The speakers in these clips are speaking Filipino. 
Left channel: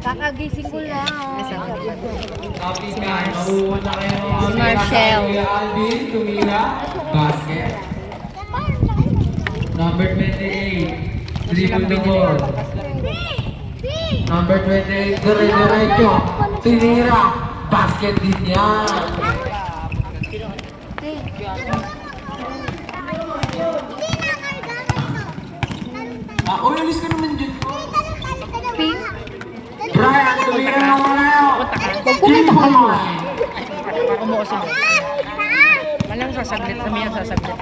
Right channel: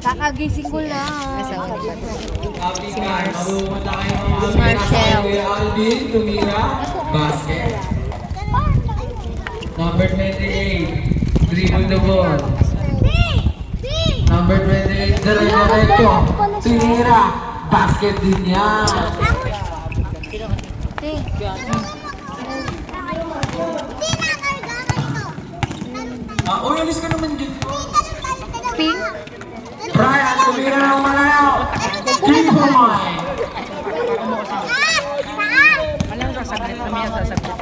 Kakagising ko lang. Asawa ni Pat. Si Mars. Marcel. Alvin, tumira. Basket. Number 28. Dribble the ball. Number 28. Diretso. Tinira. Basket din yan. Uyalis ka naman dyan. Brian, tumira ang malayo. G-point. Malang sasaglit kami yan, sasaglit.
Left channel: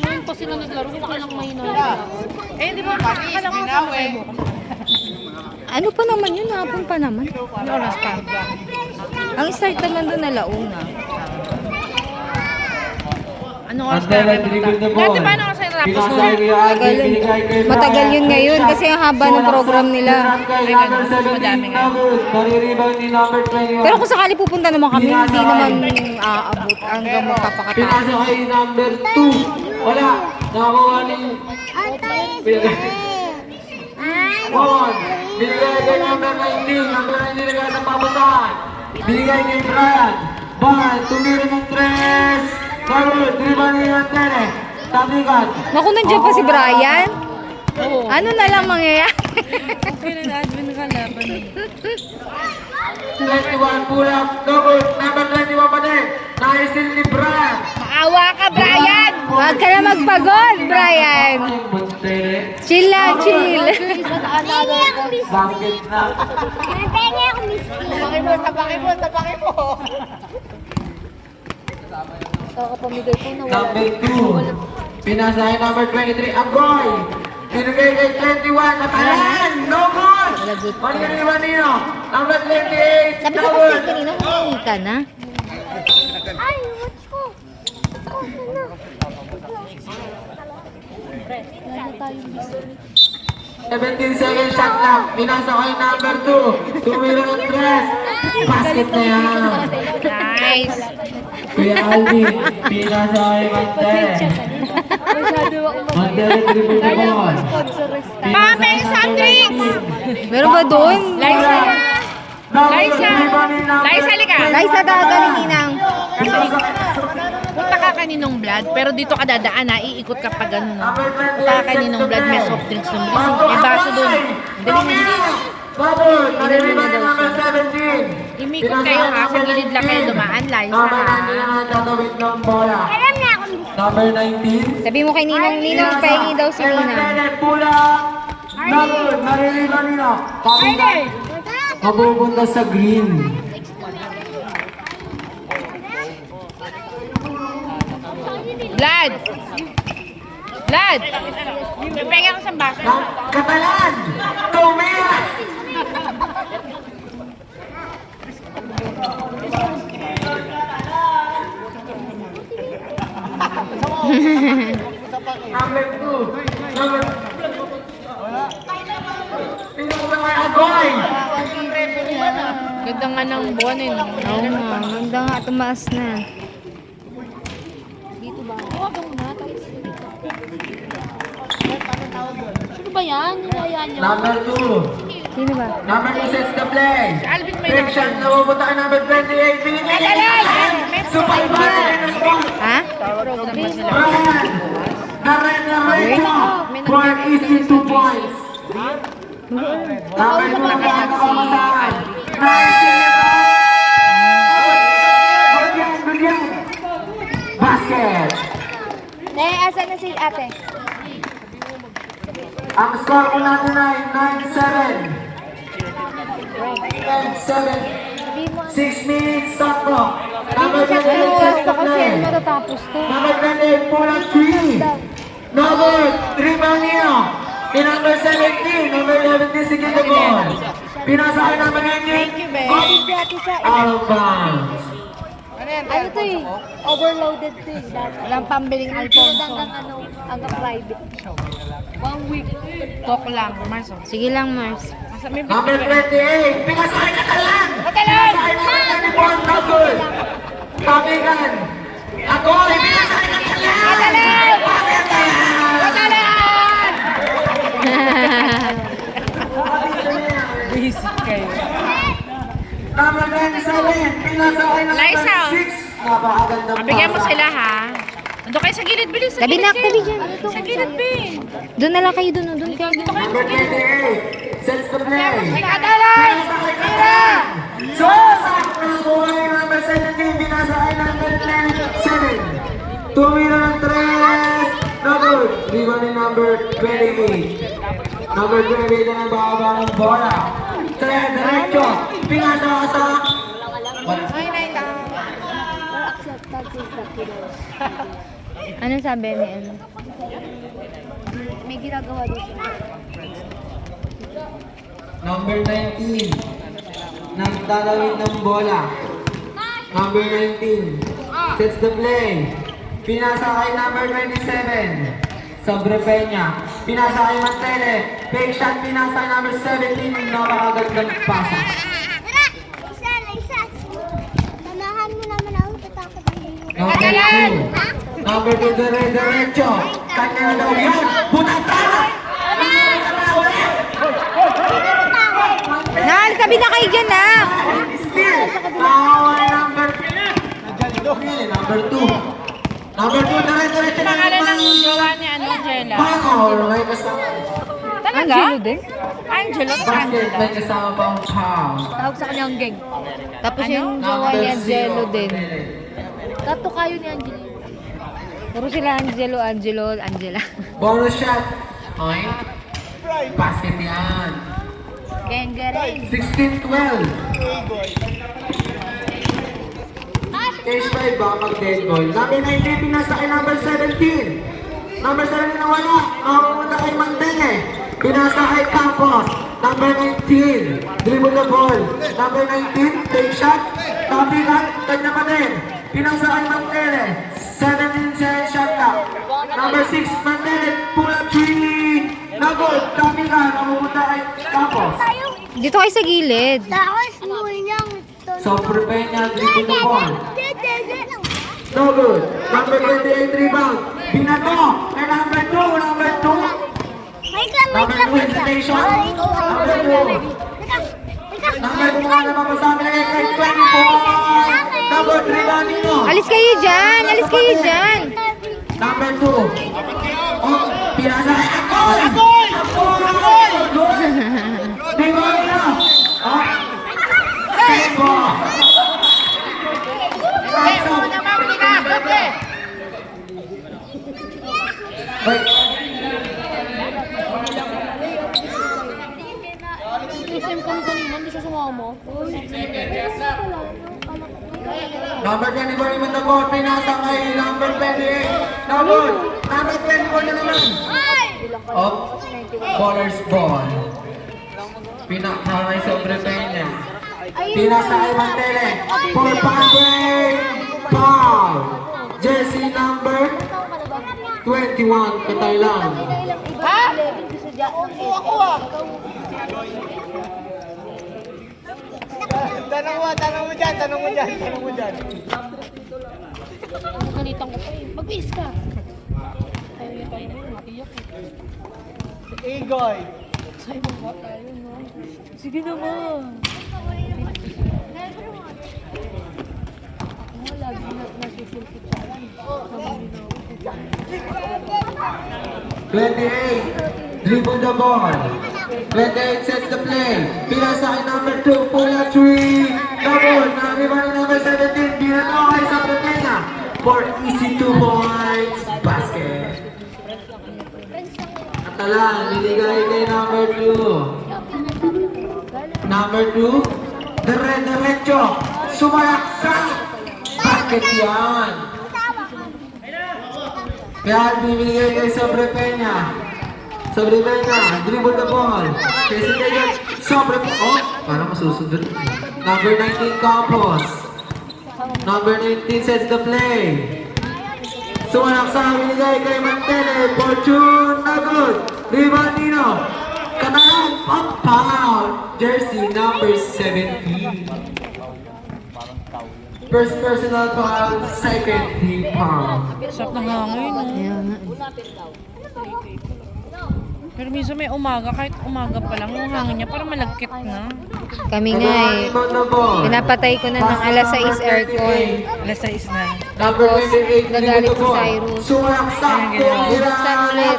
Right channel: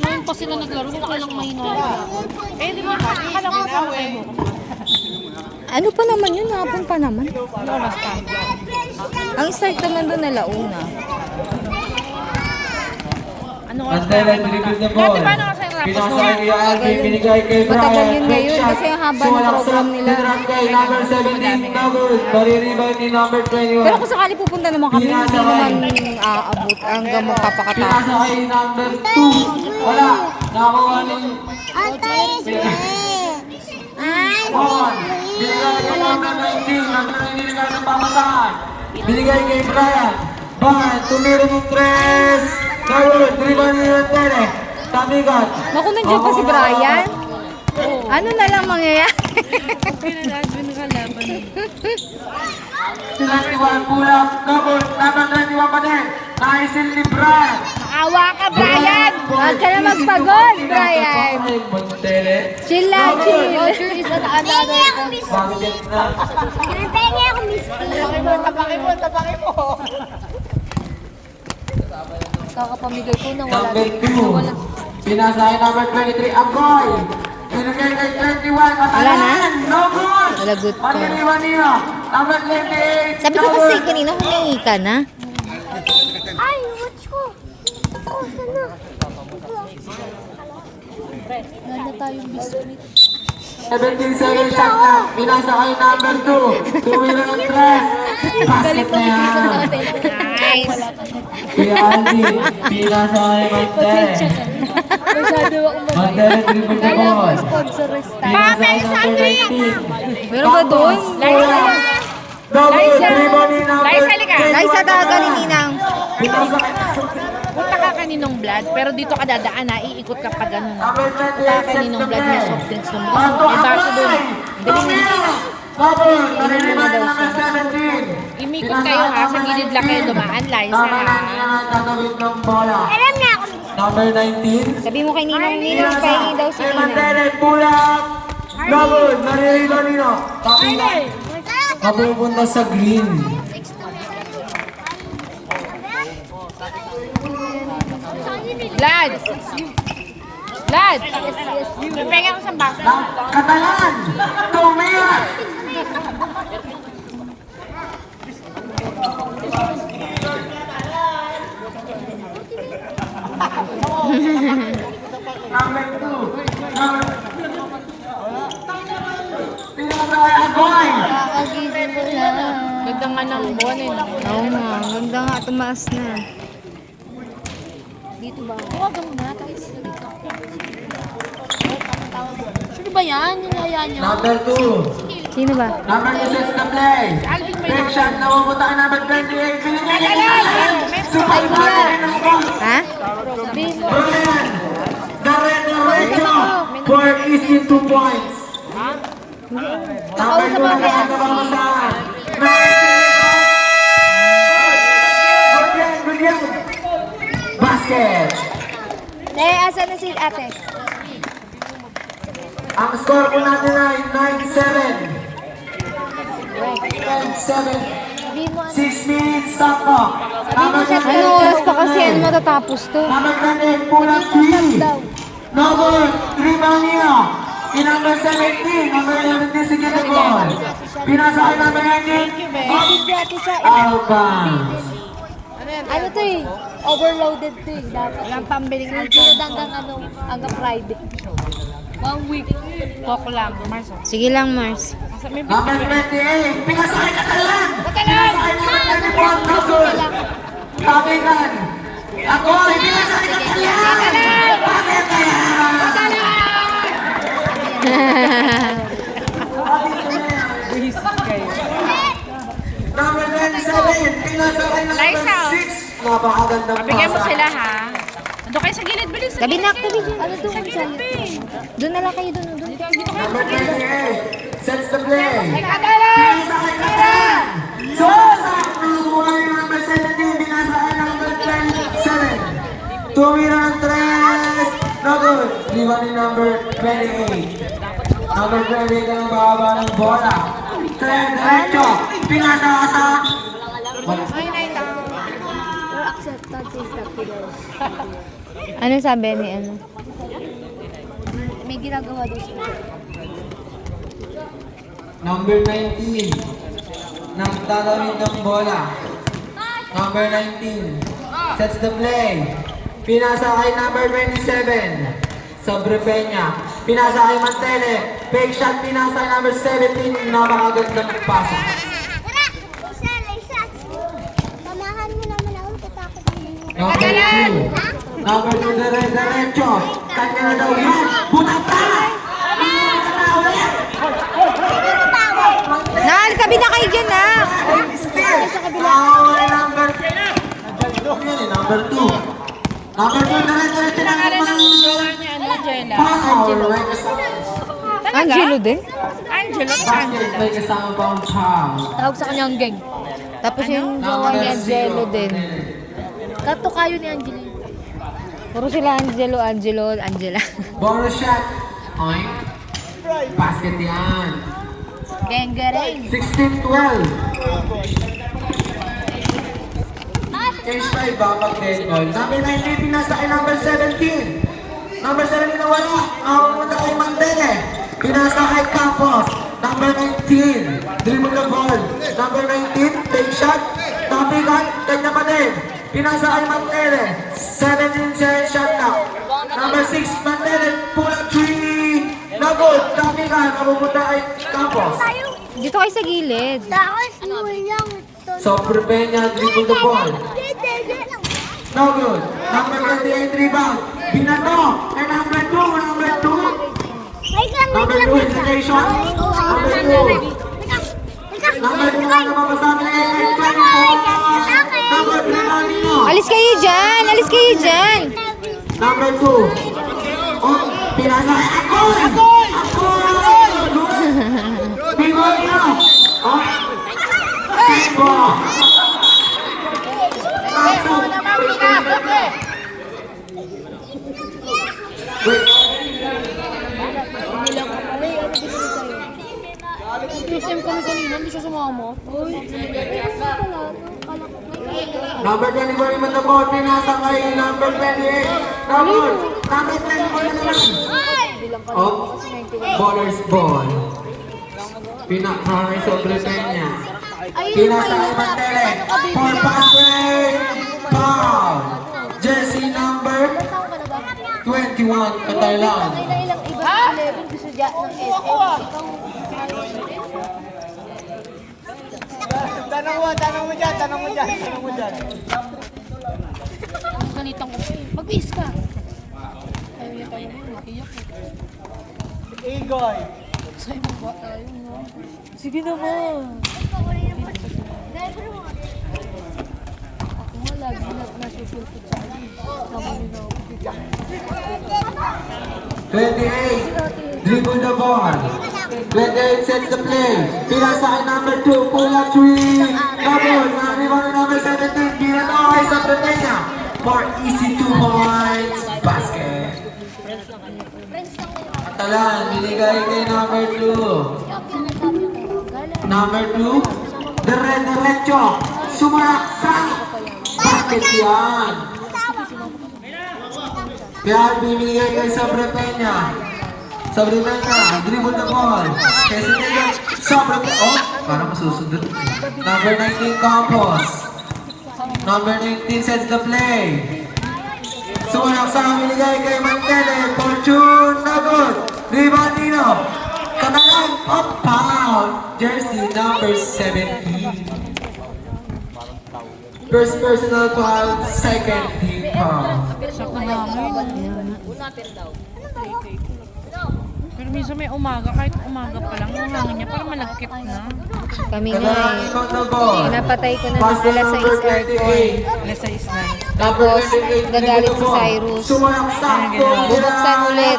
Ngayon po sila naglaro, kung walang mahina. Di ba? Akala ko sa mo. Ano pa naman yun? Hapon pa naman. Oras pa. Ang start naman doon na launa. Ano oras pa? Antela, dribble the ball. Dati paano kasi tapos Pinasa nun? ni Alvin, binigay kay Brian. Matagal yun ngayon kasi ang haba ng program nila. Number 17, Maririban ni number 21. Pero kung sakali pupunta naman kami, hindi naman aabot hanggang magpapakatapos. Pinasa kay number 2. Wala. Nakakuha ni... Bon. Binigay kay number 19. Number 19 na gano'n papasahan. Binigay kay Brian. Bon. Tumira ng 3. Number 3 ba ni Antele? Tabigan. Naku, nandiyan pa si Brian. Ano na lang mangyayari? Okay na lahat, binakalaban. 21 pulang. Number 21 pa din. Naisil ni Brian. Awa ka, Brian! Huwag ka na magpagod, Brian. Montele. Chill lang, chill. Basket na. Tabaki mo! Kakapamigay po na Number 2. Pinasa kay number 23. Agoy. Binigay kay 21. Matalan. No good. Wala good to. Maririban niyo. Number 28. Sabi ko kasi kanina, humingi ka na. Ay, watch ko. Ano tayong biscuit? 17 seconds shot lang. Pinasa kay number 2. Tumira ng 3. Basket na yan. Nice. Kuya Aldi. Pinasa kay Mantele. Mantele dribble the ball. Pinasa kay number 18. Meron ba doon? Double dribble ni number Liza, halika. Liza, tawagan ni Ninang. Pinasa kay Punta ka kaninong blood, pero dito ka dadaan na, iikot ka pa ganun. number Punta 28. ka kaninong blood, may soft drinks ng bilis. Pasok May baso doon. Dali mo. Double. Maririban ni number 17. Imikot kayo ha, sa gilid lang kayo dumaan, Liza Number ha. 19 ang tatawid ng bola. Number 19. Sabi mo kay Ninang, Ninang, pahingi daw si Ninang. Mantele, pulang. Double. Maririban nila. Kapitan. Mapupunta sa green. Blood! Blood! Pipengay ko sa baso. Katalan. Tumira. Number 2. Number... Pinabay Agoy. Ganda nga ng buwan eh. No? Oo nga, ang ganda nga, tumaas na. Dito ba? Huwag mo na, tapos dito. Sino ba yan? Yung kaya niyo? Number 2. Sino ba? Number 2 sets the play. Alvin may Next shot na pupunta kay number 28. Binigay niya. Super Ha? Brian. Diretso. For an easy 2 points. Number 2 na pamasahan. Good yan. Basket. Asan na si ate? Ang score po natin ay 9-7. 9-7. 6 minutes sakto. Number Anong oras pa kasi ano matatapos to? Number 28, pulang 3. Number 3 Bangio. Number 17, number 11 si Tito Ball. Pinasa kay number 19. Out of bounds. Ano to eh? Overloaded to eh. Walang pambiling Sunod hanggang Friday. 1 week. Talk lang, Mars. Sige lang, Mars. Number 28, pinasa kay Katalan. Katalan! Pinasa kay number 21, Kazul. Pabigan. Ako, pinasa kay Katalan. Bakit yan? 7, pinasakay number Liza. 6. Napakagandang Mabigay mo pasa. sila ha. Doon kayo sa gilid, bilis. Sa Tabi gilid na, kayo. tabi dyan. Ano to? Sa gilid, be. Doon na lang kayo doon. Doon kayo. Number 28, sets the play. Adalay! Pinasakay Katalan. So, sa buhay number 17, pinasakay number 27. Tumira ng 3. No good. Rebound number 28. Number 28 na nagbababa ng bola. Diretso. Pinasakay sa... Accepted is the killer. Anong sabi ni ano? May ginagawa doon siya. Number 19. Nagtalawin ng bola. Number 19. Sets the play. Pinasa kay number 27. Sobre Peña. Pinasa kay Mantele. Fake shot. Pinasa kay number 17. Napakagandang pasa. Tamahan mo naman ako, tatakot Number 2. Number 2. Diretso. Kanya na daw yan. Bumata! Nal, tabi na kayo dyan na. Number 2. Number 2, diretso na. Pangalan ng jowa ni ano, Jella. Foul. Talaga? Angelo din? Angelo, Basket Angela. may kasama pang foul. Tawag sa kanya ang geng. Tapos yung jowa ni Angelo din. Kato kayo ni Angelina. Puro sila Angelo, Angela. Bonus shot. Ay. Basket yan. Geng gereng. 16-12. K-Shy bakal dead ball. Number 19 pinasa kay number 17. Number 17 na wala. Nakapunta kay Mandele. Pinasa kay Campos. Number 19. Dribble the ball. Number 19. Take shot. Number 1. Take na pa din. Pinasa kay Mandele. 17 shot na. Number 6. Mandele. Pull up 3. No good. Kami ka. Nakapunta kay Campos. Dito kayo sa gilid. Tapos mo niyang So, prepare niya. Dribble the ball. No good. Number 28 rebound. Binato. And number 2. Number 2. Number 2 hesitation. Number 2. Number 2 na naman kasama niya. 24. Number 3 rebound nino. Alis kayo dyan! Alis kayo dyan! Number 2. Oh, pinasa. Oh! Bigay na. Oh. Simba. Christian kami kanina, hindi siya sumama. Number 24 naman na ball, pinasa kay number 28. Number 24 na naman. Oh, bowler's ball. Pinasa kay Sobre Peña. Pinasa kay Mantele. Paul Patrick. Foul. Jersey number 21, Katarlan. Tanong mo dyan. Nalitan ko. Mag-is ka. Ayaw niya tayo mo, nakiyak eh. Igoy. Sa'yo mo ba tayo, no? Sige naman. Ako nga lagi nasusulpot sa akin. Naman yun ako. 28, dribble the ball. 28 sets the play. Pinasa kay number 2, Pula 3. Number 17, Binato kay Sobre Peña. For easy 2 points, basket. Atalan, binigay kay number 2. Number 2, diretso. Sumarak sa basket yan. Kaya bibigay kay Sobre Peña. Sobre Peña, dribble the ball. Kasi kaya Sobre Peña. Oh, parang masusunod. Number 19, Campos. Number 19 sets the play. Sumanak sa binigay kay Mantele. Fortune, na good. Rebound Nino. Kanalang pang-pound. Jersey number 17. First personal foul, second team foul. Pero minsan may umaga, kahit umaga pa lang, yung hangin niya parang malagkit na. Kami nga eh. Pinapatay ko na ng alas 6 aircon. Alas 6 na. Tapos, nagalit si Cyrus. Sumaksak po. Binuksan ulit.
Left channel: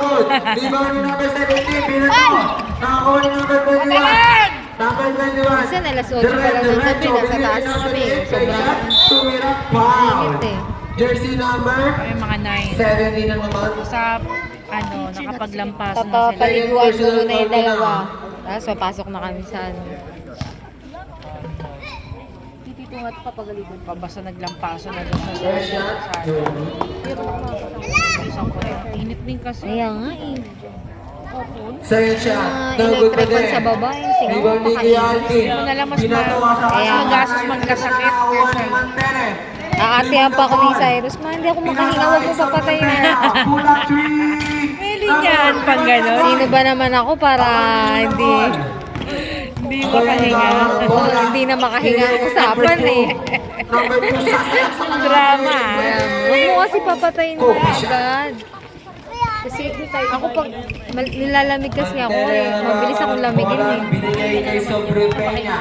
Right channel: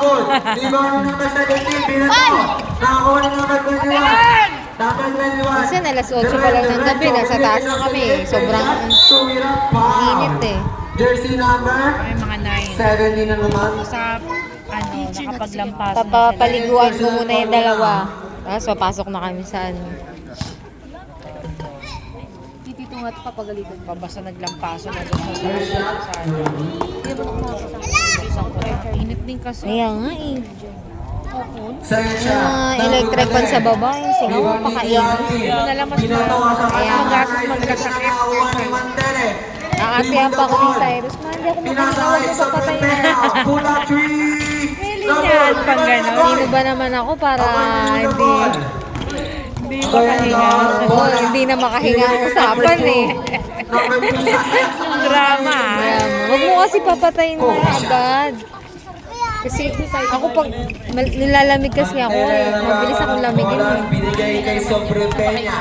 Rebound number 17. Binato. Nakakuha ng number 21. Number 21. Kasi alas 8 pa lang ng gabi, nasa taas na kami eh. Sobrang Tumira. Wow. init eh. Jersey number May mga 9. 17 na naman. Sa, nakapaglampaso na sila. Papapaliguan ko muna yung dalawa. Tapos papasok na kami sa ano. Tititungat ka pagalitan. Basta naglampaso na doon sa buksan ko na. Init din kasi. Kaya nga eh. Sa'yo siya. Mga electric fan sa baba, yung singaw, pakainit. Binato ka sa Kaya nga. Gasos magkasakit. Nakakuha ng Mantele. Aasihan pa ako ni Cyrus. Man, hindi ako makahinga. Huwag mo papatayin mo. Pula 3. Yan, pang gano'n. Sino ba naman ako para hindi Hindi makahinga. hindi na makahinga ang usapan eh. Number 2. Ang drama. Huwag mo kasi papatayin mo na agad. Kasi ako pag nilalamig kasi ako eh. Mabilis akong lamigin eh. Binigay kay Sobre Peña.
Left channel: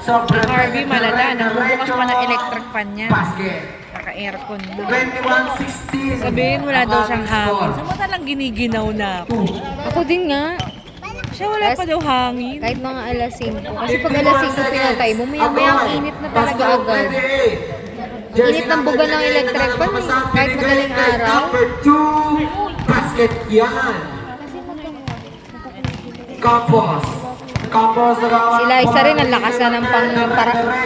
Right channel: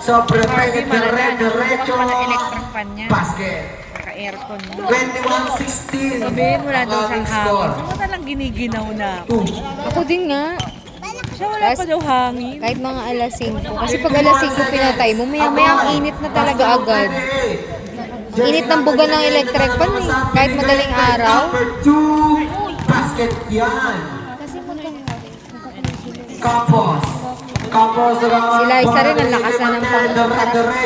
Sobre Barbie Peña. malala. Nabubukas pa ng electric fan niya. Basket. Naka-aircon. 21-16. Sabihin wala daw siyang hangin. Saan mo talang giniginaw na? Ako din nga. Siya wala pa daw hangin. Kahit mga alas 5. Kasi pag alas 5 pinatay mo, maya ang init na talaga agad. Ang init ng buga ng electric fan eh. Kahit madaling araw. Number 2. Basket yan. Campos. Campos. Sila isa rin ang lakas na ng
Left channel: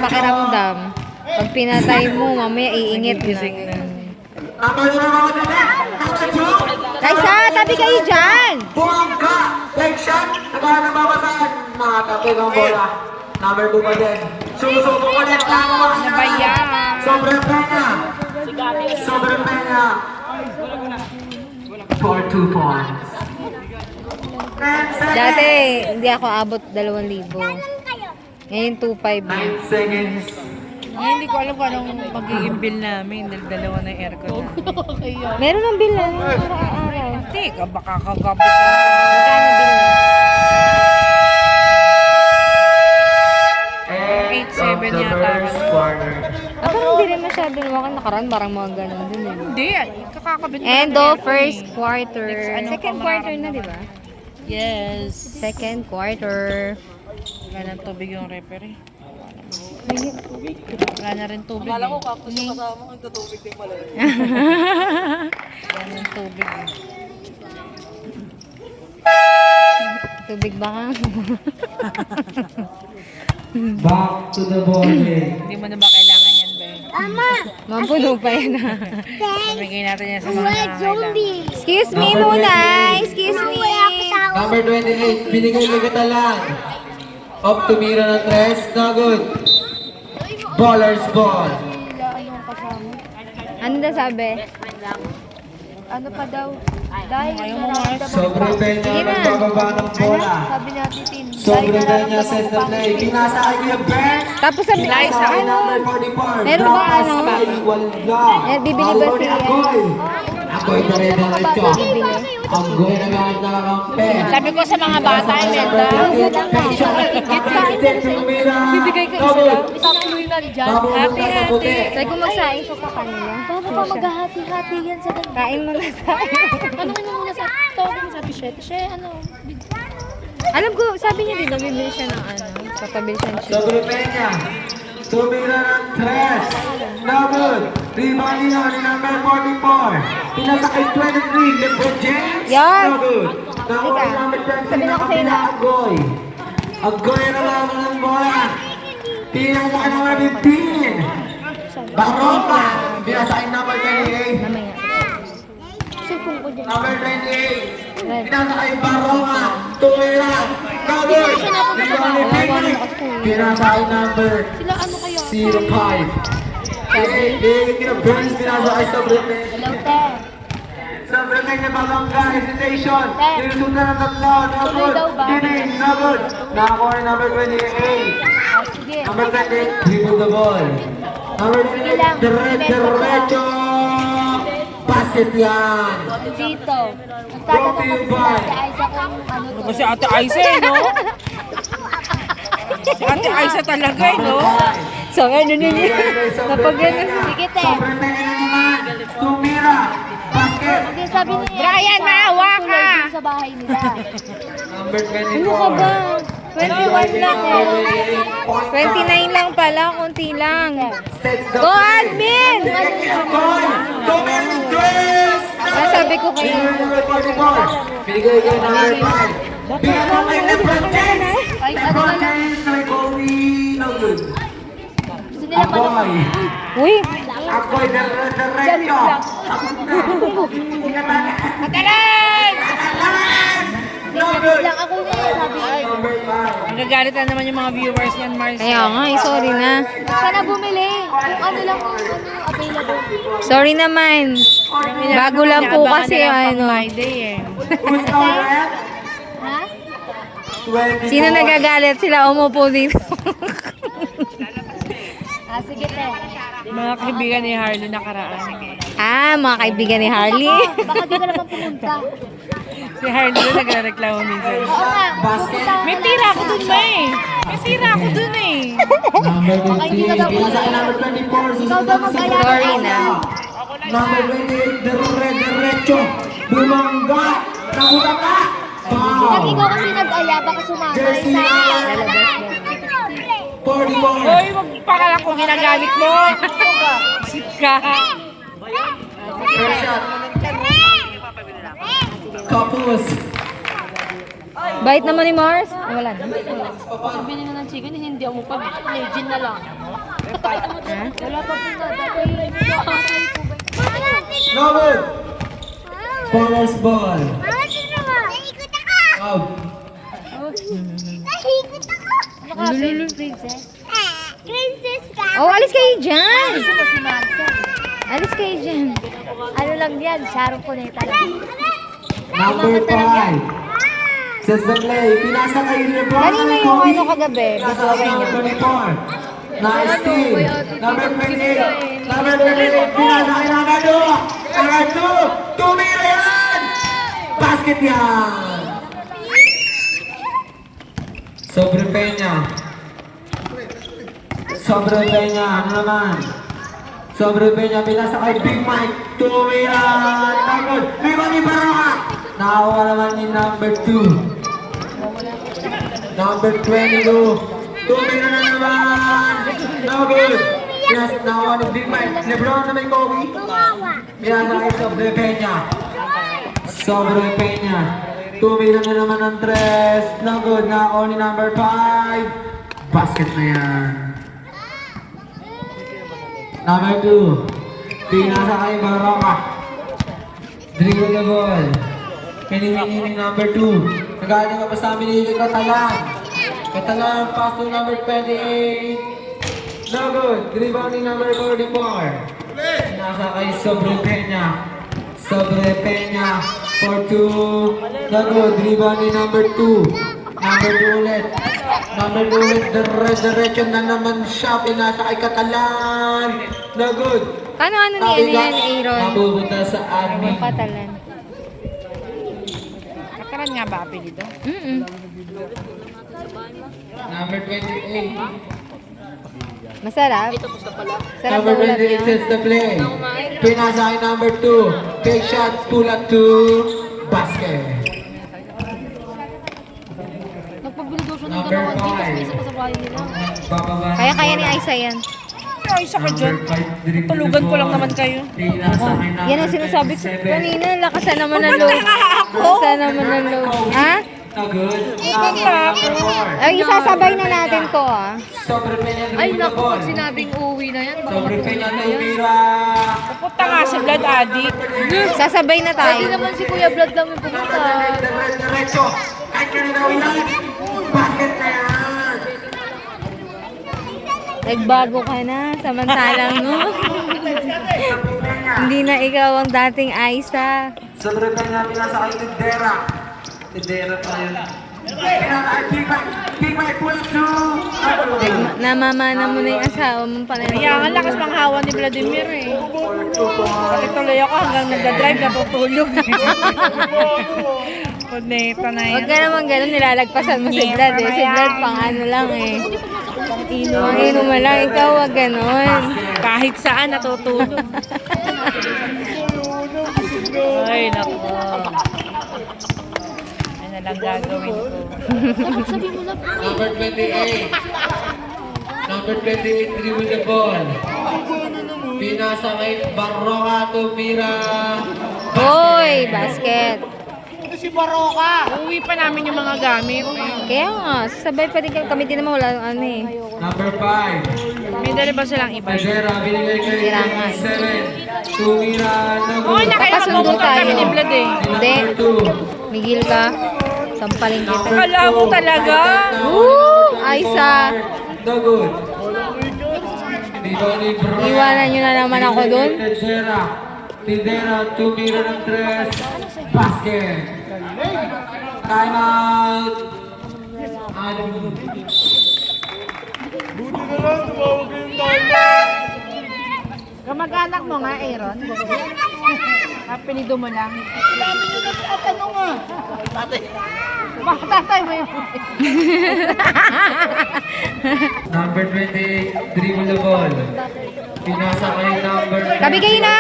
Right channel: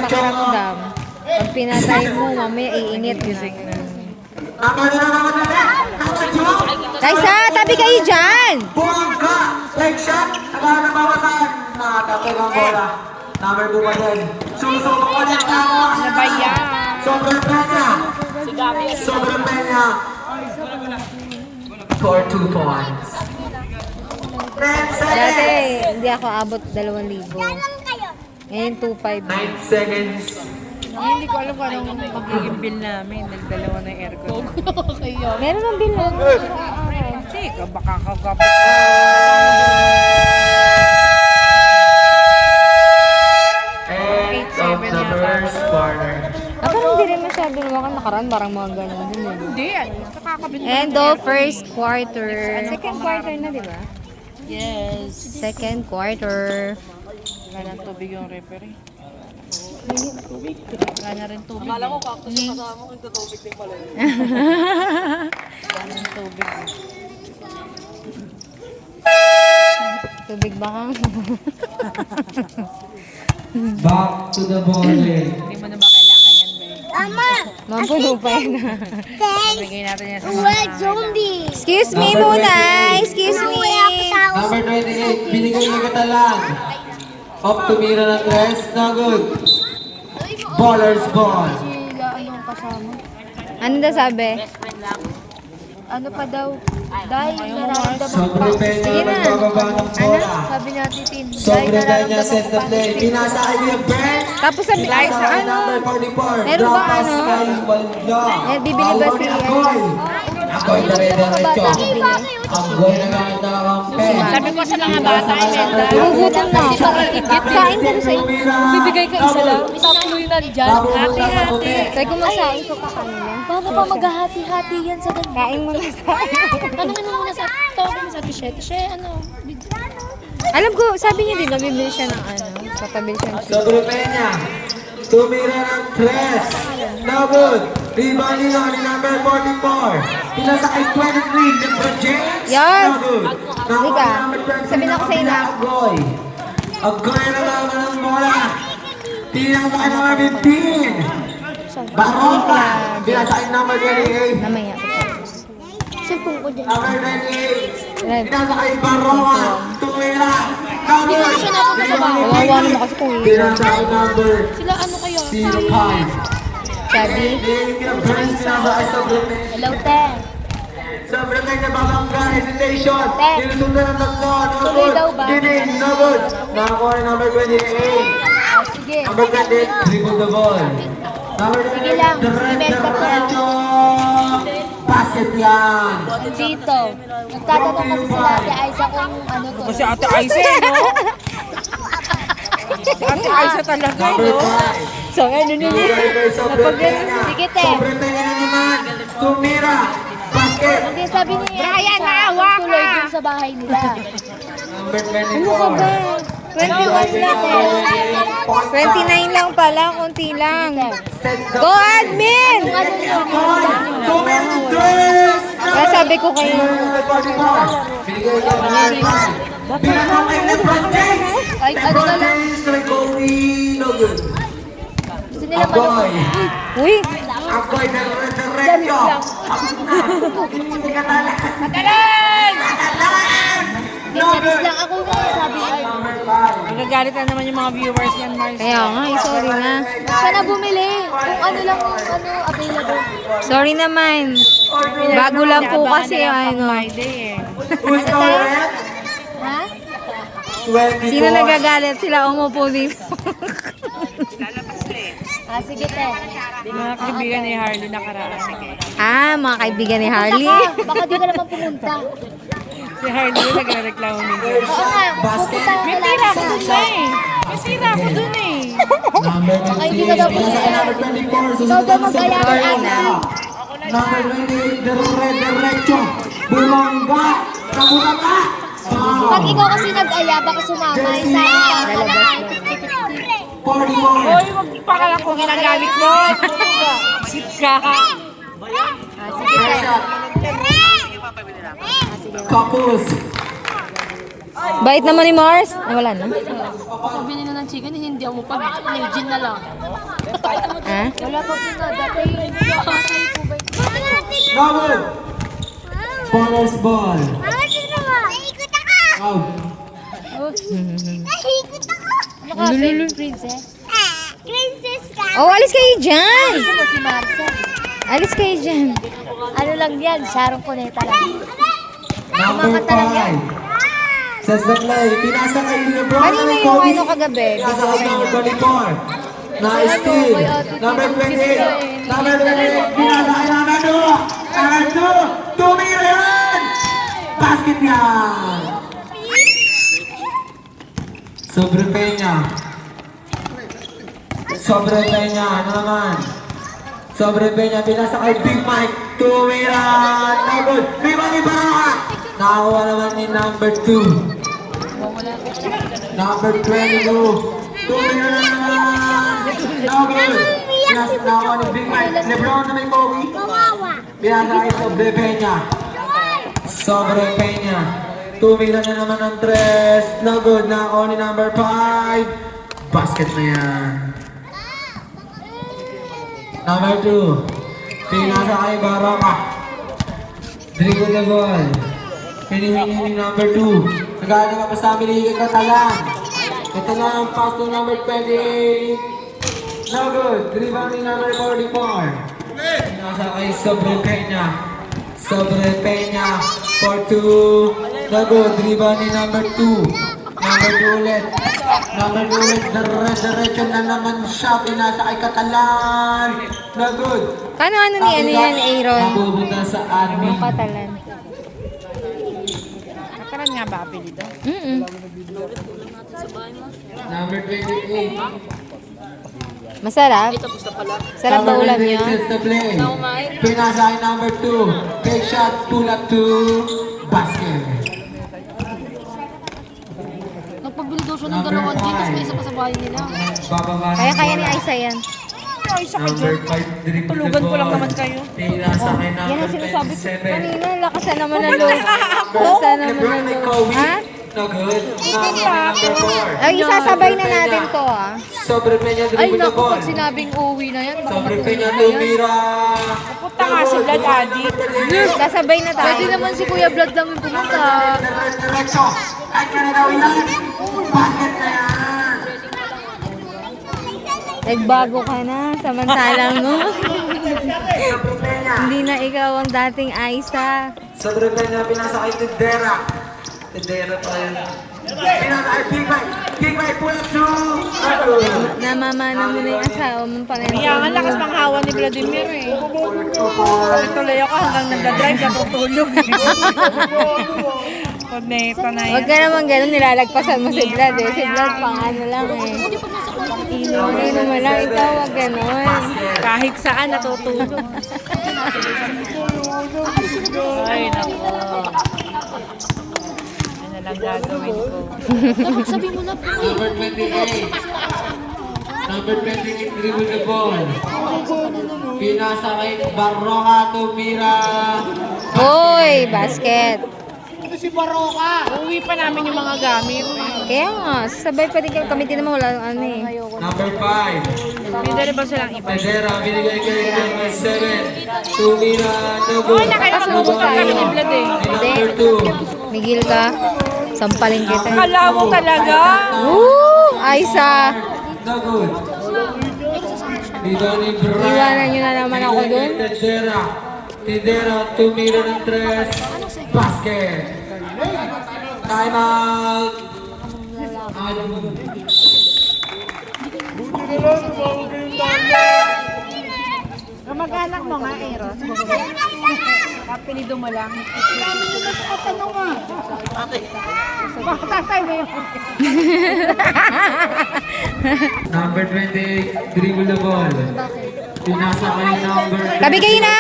pakiramdam. Pag pinatay mo, mamaya iingit na. Number 2 naman ulit. Number 2. Kaisa, tabi kayo dyan! Buwangka! Leg shot! Nagana na babasahin! Nakatapig ang bola. Number 2 pa din. Susubok ulit ang Ano ba yan? Sobre Peña! Sobre Peña! For 2 points. 10 seconds! Dati, hindi ako abot 2,000. Ngayon, 2,500 na. 9 seconds. Ay, hindi ko alam kung anong magiging bill namin. Dalawa na aircon. Meron ng bill lang. Hindi ka, baka kagabot ka. End of 8-7 the yata. first quarter. Parang hindi rin masyado naman nakaraan. Parang mga ganun din eh. Hindi, kakakabit na End of first quarter. Second quarter na, di ba? Yes. Second quarter. Wala ng tubig yung referee. Wala na rin tubig. Akala ko kakto sa kasama ko, tubig din pala yun. Wala ng tubig. Tubig ba ka? Back to the ball game. Hindi mo na ba kailangan yan, Be? Mapuno pa yan. Nabigay natin yan sa mga kailangan. Excuse me muna. Excuse me. Number 28, binigay ni Catalan. Up tumira ng 3, no good. Baller's ball. Ano daw sabi? Ano pa daw? Dahil Sobre Peña Sige na. nagbababa ng bola. sabi natin team. Sobre Peña sets the play. Pinasa kay Kuya Brent. Tapos sabi, ano? Meron ba ano? Eh, bibili ba si Ako'y dire-diretso. Ang goy na lang nakakampi. Sabi ko sa mga bata, Imelda, Sain ko sa bibigay ka isa lang. Isang tuloy na dyan. Hati-hati. Sabi ko magsain siya sa kanila. Paano pa maghahati-hati yan sa ganun? Kain mo na tayo. Ano mo muna sa tawag mo sa Pichette? Siya, ano? Alam ko, sabi niya din, nabibili siya ng ano, papabil siya ng chips. Sobre Peña. Tumira ng 3. No good. Rebound nila ni number 44. Pinasa kay 23. LeBron James. Yan. No good. Halika. Sabihin ako sa'yo na. Agoy. Agoy na naman ang bola. Pinasa kay number 15. Baroka. Pinasa kay number 28. Mamaya. Sipon ko dyan. Number 28. Pinasa kay Baroka. Tumira. No good. Wala naman kasi kung Pinasa kay number Sila ano kayo? 05. sabi. Burns pinasa kay Sobre Peña. Hello, te. Sobre Peña babangga. Hesitation. Tek. Nilusundan ng tatlo. Tuloy daw ba? Dining. No good. Nakakuha ni number 28. Sige. Number 28. Dribble the ball. Number 28. Diretso. Basket Basket yan. Dito. Nagtatanong kasi sila kay Aiza kung ano to. Kasi Ate Aiza, no? Si Ate Aiza talaga, no? So, ano nila? Sige, te. Sobrang tayo na naman. Tumira. Basket. Hindi, sabi ni Brian, naawa ka! tuloy dun sa bahay nila. Number 24. Ano ka ba? 21 lang eh. 29 lang pala, konti lang. Go, admin! Tumira ng dress. Kaya sabi ko kayo. Number 44. Binigay kayo number 5. Pinaka kay Lebron James. Ay, ano LeBron na lang. James kay Kobe. No good. Gusto nila pala. Aboy. Uy! Aboy na diretso. No good. Lang ako na sabi. Number 5. Magagalit na naman yung mga viewers niyan, Mars. Kaya nga, sorry na. Huwag ka na bumili. Kung ano lang yung available. Sorry naman. Bago lang po kasi ano. Friday, eh. Who's correct? Ha? 24. Sino nagagalit? Sila umupo dito. Sige, te. Mga kaibigan ni Harley nakaraan. Mga kaibigan ni Harley. Baka di ka naman pumunta. Si Harley na nagre-reklamo minsan. Oo nga, pupunta ka May tira ako dun ba eh. May tira ako dun eh. Number Baka hindi ka daw 28. Pinasa kay number 24. Ikaw daw mag-alala. Sorry na. Number 28. Diretso. Bumangga. Nabutan ka. Pag ikaw kasi nag-aya, baka sumama. Jersey Lalabas lang. 41. Hoy, wag pa ka lang kung ginagamit mo. Sit ka. Tapos. Bait naman ni Mars. Wala na. Bili na ng chicken, hindi ako pag may gin na lang. Ha? Wala pa po na. Dati Number. Forest ball. Out. Lili. princess. Oh, alis kayo dyan. Gusto mo si Marcel. Alis kayo dyan. Ano lang yan? Sharon Cuneta lang. Number 5. Says the play. Pinasa kay Lebron. Kanina yung ano kagabi. Video okay mo. Number 24. Nice steal. Number 28. Number 28. Pinasa kay Ronaldo. Number 2. Tumira yan. Basket yan. Sobre Peña. Sobre Peña. Ano naman? Sobre Peña. Pinasa kay Big Mike. Tumira. Number. Big Mike Baraka. Nakakuha naman ni number 2. Number 22. Tumira na naman. No good. Yes, nakakuha ni Big Mike. Lebron na may Kobe. Pinasa kay Sobre Peña. Sobre Peña. Tumira na naman ng 3. No good. Nakakuha ni number 5. Basket na yan. Number 2. Pinasa kay Baraka. Dribble the ball. Hinihingi ni number 2. Nagana nga pa sa amin ni Katalan. Katalan, pass to number 28. No good. Dribble ni number 44. Nasa kay Sobre Peña. Sobre Peña. For 2. No good. Dribble ni number 2. Number 2 ulit. Number 2 ulit. Diretso na naman siya. Pinasa kay Katalan. No good. Ano ni yan, Aaron? Napupunta sa admin. Katalan. Nakaran nga ba apelido? Number 28. Masarap. Sarap na ulam niyo. Sets the play. Pinasa kay number 2. Take shot, pull up to basket. Nagpabili daw siya ng Number dalawang gin, tapos may 5. isa pa sa bahay nila. Bababa ng Kaya ni bola. Aiza yan. Ay, isa ka Number dyan. 5, dribble Tulugan the ko lang ball. naman kayo. Pinasa kay number Yan ang sinasabi ko 27. kanina. Lakasan naman ng loob. Lakasan naman ng loob. Ha? No good. Number 4. Ay, isasabay na natin to Sobre Peña, Ay, dribble the naku, ball. pag sinabing uuwi na yan, baka Sobre Peña, matulog na yan. tumira. Punta nga si Blood Addict. Sasabay na Pwede tayo. naman si Kuya Blood lang yung pumunta. Diretso. Kahit ka na gawin yan. Basket na yan. Nagbago ka na. Samantalang no. Hindi na ikaw ang dating Aiza. Sobre Peña, pinasa kay Tidera. Tidera pa rin. Kick by pull through. Nagod. Namamana mo na yung asawa mo pa rin. Kaya ang lakas pang hawa ni Vladimir eh. Kasi tuloy ako hanggang nagdadrive, natutulog eh. Puneta na Huwag yan. ka naman ganun, nilalagpasan mo si Vlad eh. Si Vlad pang ano lang eh. Inom mo lang, ikaw wag ganun. Kahit saan natutulog. Ay, naku. Ano lang gagawin ko? Number 28. Number 28, dribble the ball. Pinasa kay Barroca, tumira. Hoy, basket. Uwi pa namin yung mga gamit. Kaya nga, sabay pa rin kami din naman wala ano eh. Number 5. May dali ba silang iba? Pedera, binigay kay number 7. Tumira, nagod. Okay na kaya Kasundo magbubukan tayo. kami ni Vlad eh. Hindi. Number 2. Miguel ka. Sampalin kita. Kala mo talaga. Woo! Aisa. Nagod. Dito ni Brian. Iwanan niyo na naman ako dun. Pedera. Pedera, tumira ng 3. Basket. Time out. Kamag-anak mo nga, Aaron. Apelido mo lang. Ano nga? Tatay mo yun. Number 28, dribble the ball. Pinasa kay number 10. Tabi kayo na!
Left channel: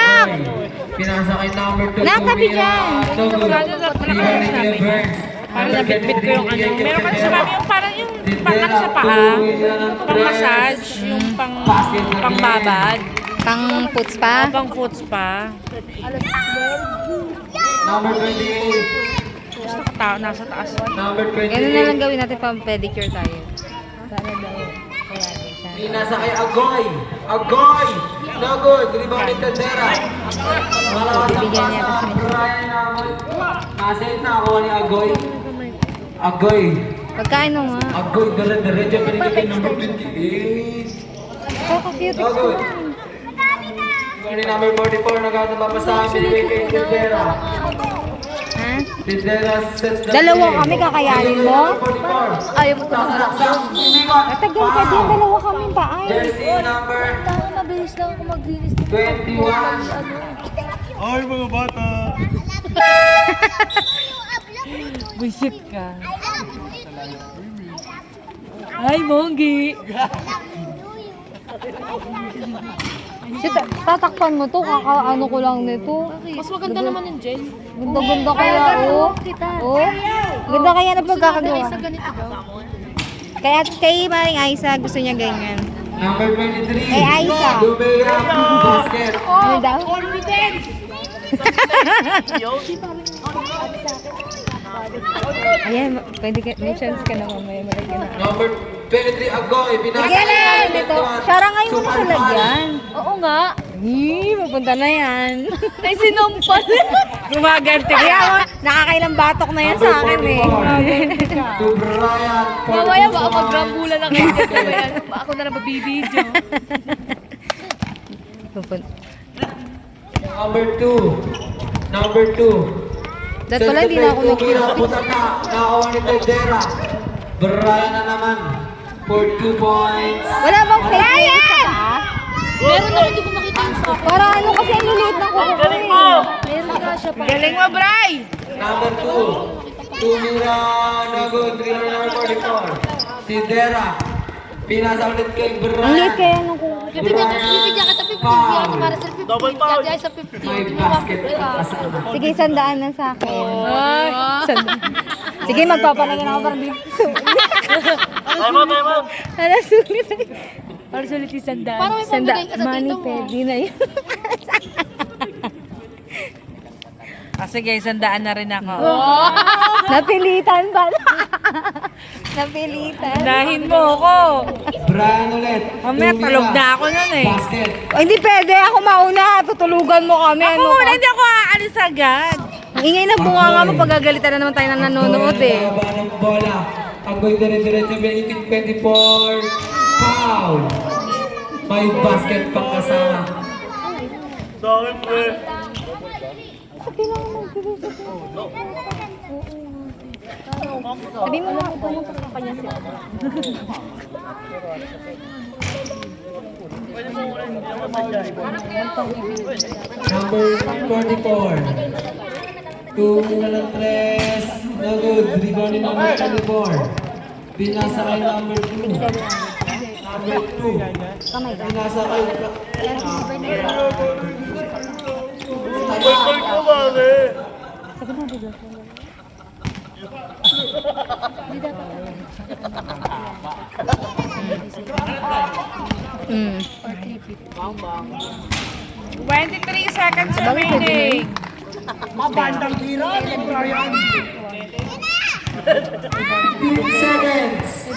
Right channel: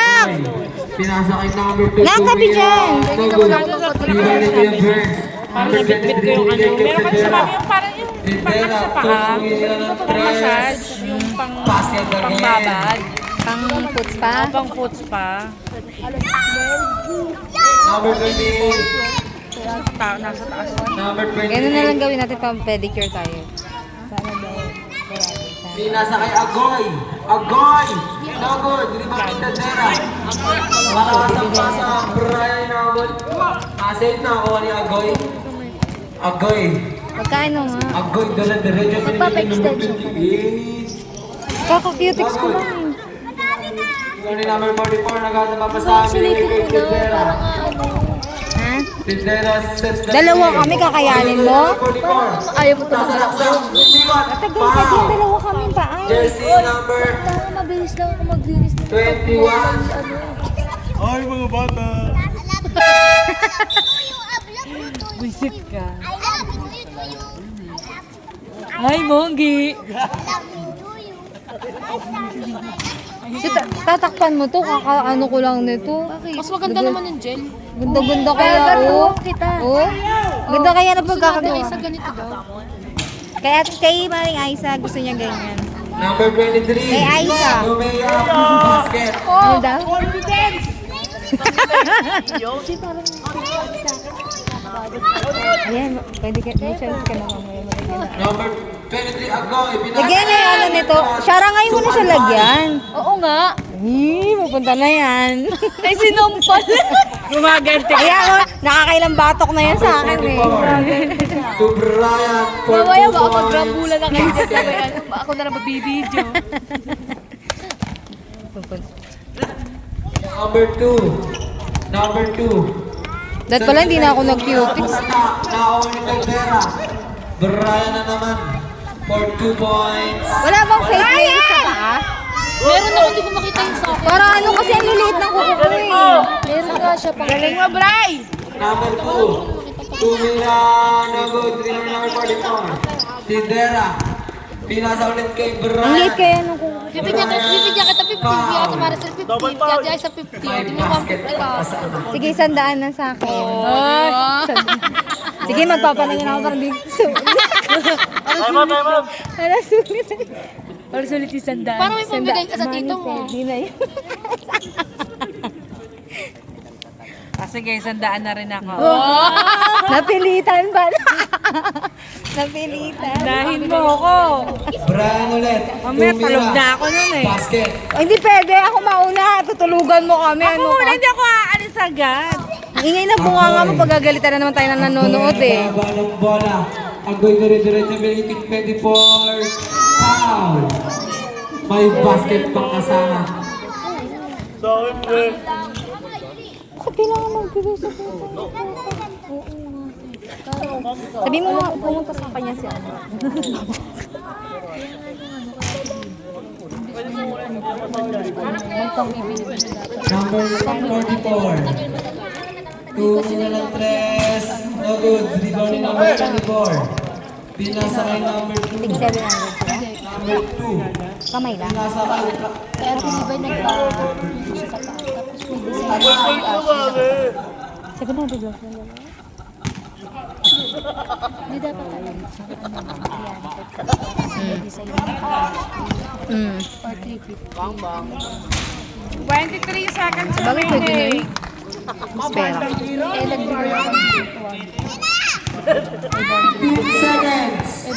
Pinasa kay number 2. Nakakabi dyan! Pinasa kay Burns. Parang nabitbit ko yung ano. Meron kasi sa mga yung parang yung parang sa paa. Yung pang massage. Yung pang babad. Pang puts pa. Pang foots pa. Number 28. Nasa taas. Number 28. Ganun na lang gawin natin pang pedicure tayo. Sana daw. Kaya din sana. Pinasa kay Agoy. Agoy! Nagod, dribble ni Tadera. Malakas pa sa Brian Agoy. Nasave na ako ni Agoy. Agoy. Pagkain nga. Agoy, dala-diretso pa rin yung number 28. Kaka-cutics ko na eh. Ano ni number 44, nagkakapapasama ni Tadera. Ha? Tadera sets the Dalawa play. kami, kakayanin mo? 44. Ayaw mo tumakalak dyan. Matagal ka din, dalawa kami pa. Ay, Jersey number tama, mabilis lang ako maglinis ng 21. Ay, mga bata. Buisit ka. Ay, Monggi. Si tatakpan mo to, kaka-ano ko lang nito. Mas maganda naman yung gel. Ganda-ganda kaya, oh. Oh, ganda kaya na pagkakagawa. Isa ganito daw. Kaya kay Maring Aisa, gusto niya ganyan. Number 23. Kay Aisa. Lumea basket. Ano daw? Ayan, pwede ka, may chance ka na mamaya malagyan na. Number 23 Agoy. Lagyan na yan nito. Shara ngayon mo na siya lagyan. Oo nga. Mapunta na yan. Ay, sinumpal. Gumaganti ka. Kaya nakakailang batok na yun sa akin eh. To Brian. Mamaya baka magrambulan na kayo dyan. Sabay ano, ako na lang magbibideo. Number 2. Number 2. Dahil pala hindi na ako nag-cutics. Nakakuha ni Tadera. Brian na naman. For 2 points. Wala bang fake nails sa paa? Meron ako, hindi ko makita yung sa akin. Para ano kasi ang liliit ng kuko ko eh. Meron nga siya pa. Galing mo, Bray! Number 2. Tumira. Nagod. Dribble number 44. Tadera. Pinasa ulit kay Brian. Ang liit kaya ng kuko ko. Bibigyan kita 50. Yata para sa 50. Yata ay sa 50. Hindi mo 150 ka. Sige, 100 na sa akin. Ay, 100. Sige, magpapanangin ako parang dito. Para sulit. Para sulit yung sandaan. Paano may pambigay ka sa tito mo? Pwede na yun. Sige, sandaan na rin ako. Napilitan ba? Napilitan. Unahin mo ako. Brian ulit. Mamaya talog na ako nun eh. Basket. Ay, hindi pwede. Ako mauna. Tutulugan mo kami. Ano Oo, ka? hindi ako aalis agad. Ang ingay na bunga nga mo. Pagagalitan na naman tayo na nanonood eh. Baba ng bola. Agoy dire-diretso. Melikit 24. Foul. May basket pang kasama. Sorry, bro. Bakit kailangan magbilis ito? Sabi mo nga, pumunta sa kanya siya. Number 44. 2 ng 3. No good. Rebound ni number 24. Pinasa kay number 2. 700. Number 2. Kamay lang. Pinasa kay... Sabi na, diba? Mm. 23 seconds Sabagay, pwede na remaining. yun. Pera. 15 seconds.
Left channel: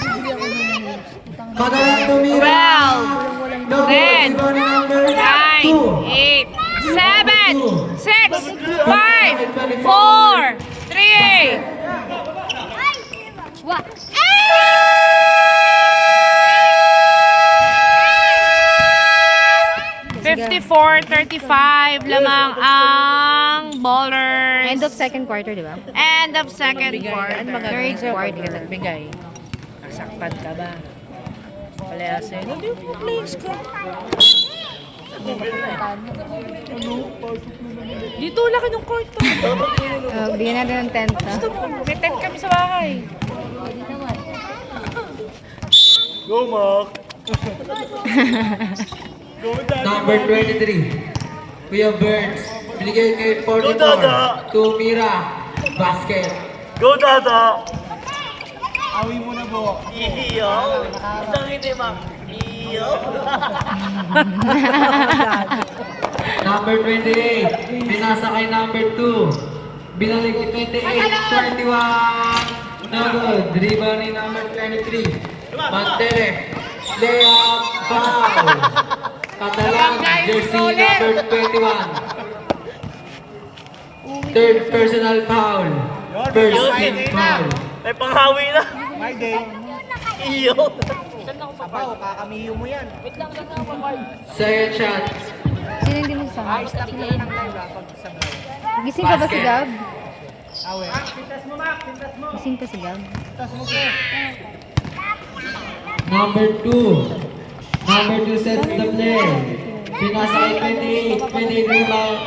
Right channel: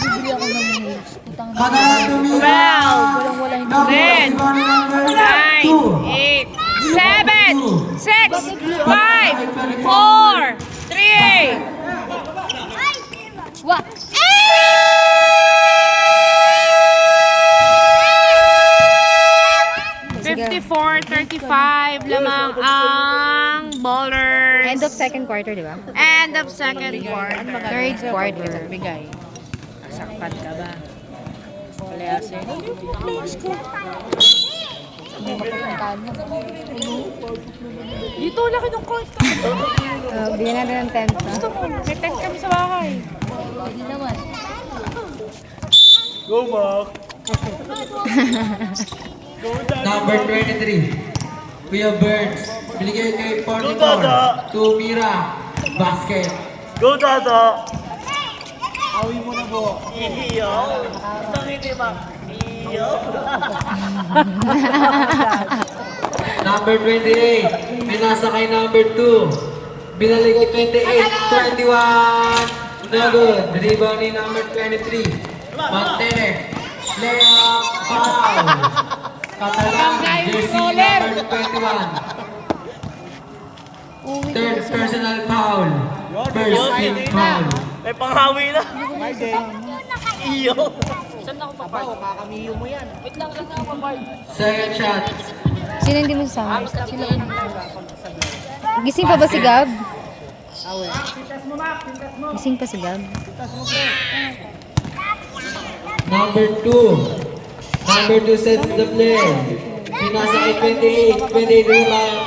Madalang tumira. 12, No good. Rebound ni number 9, 2. 8, 7, 6, 5, 4, 3. What? 54-35 lamang ang bowlers. End of second quarter, di ba? End of second quarter. Third quarter. Bigay. Sakpad ka ba? Palayasin. Please ko. Dito laki ng court. Bigyan natin ng tent, ha? May tent kami sa bahay. Go, Mark. Number 23. Kuya Burns. Binigay kay 44. Tumira. Basket. Go, Dada. Awi mo na po. Iyo. Isang hindi, Mark. Iyo. Number 28. Pinasa kay number 2. Binalik kay 28. 21. No good. Rebound ni number 23. Mantelek. Layup. Foul. Catalan. Jersey number 21. Third personal foul. First team foul. May panghawi na. Iyo. Second shot. Sino hindi mo sasama? Gising pa ba si Gab? Gising pa si Gab? Number 2. Number 2 sets the play. Pinasa kay 28. 28 rebound.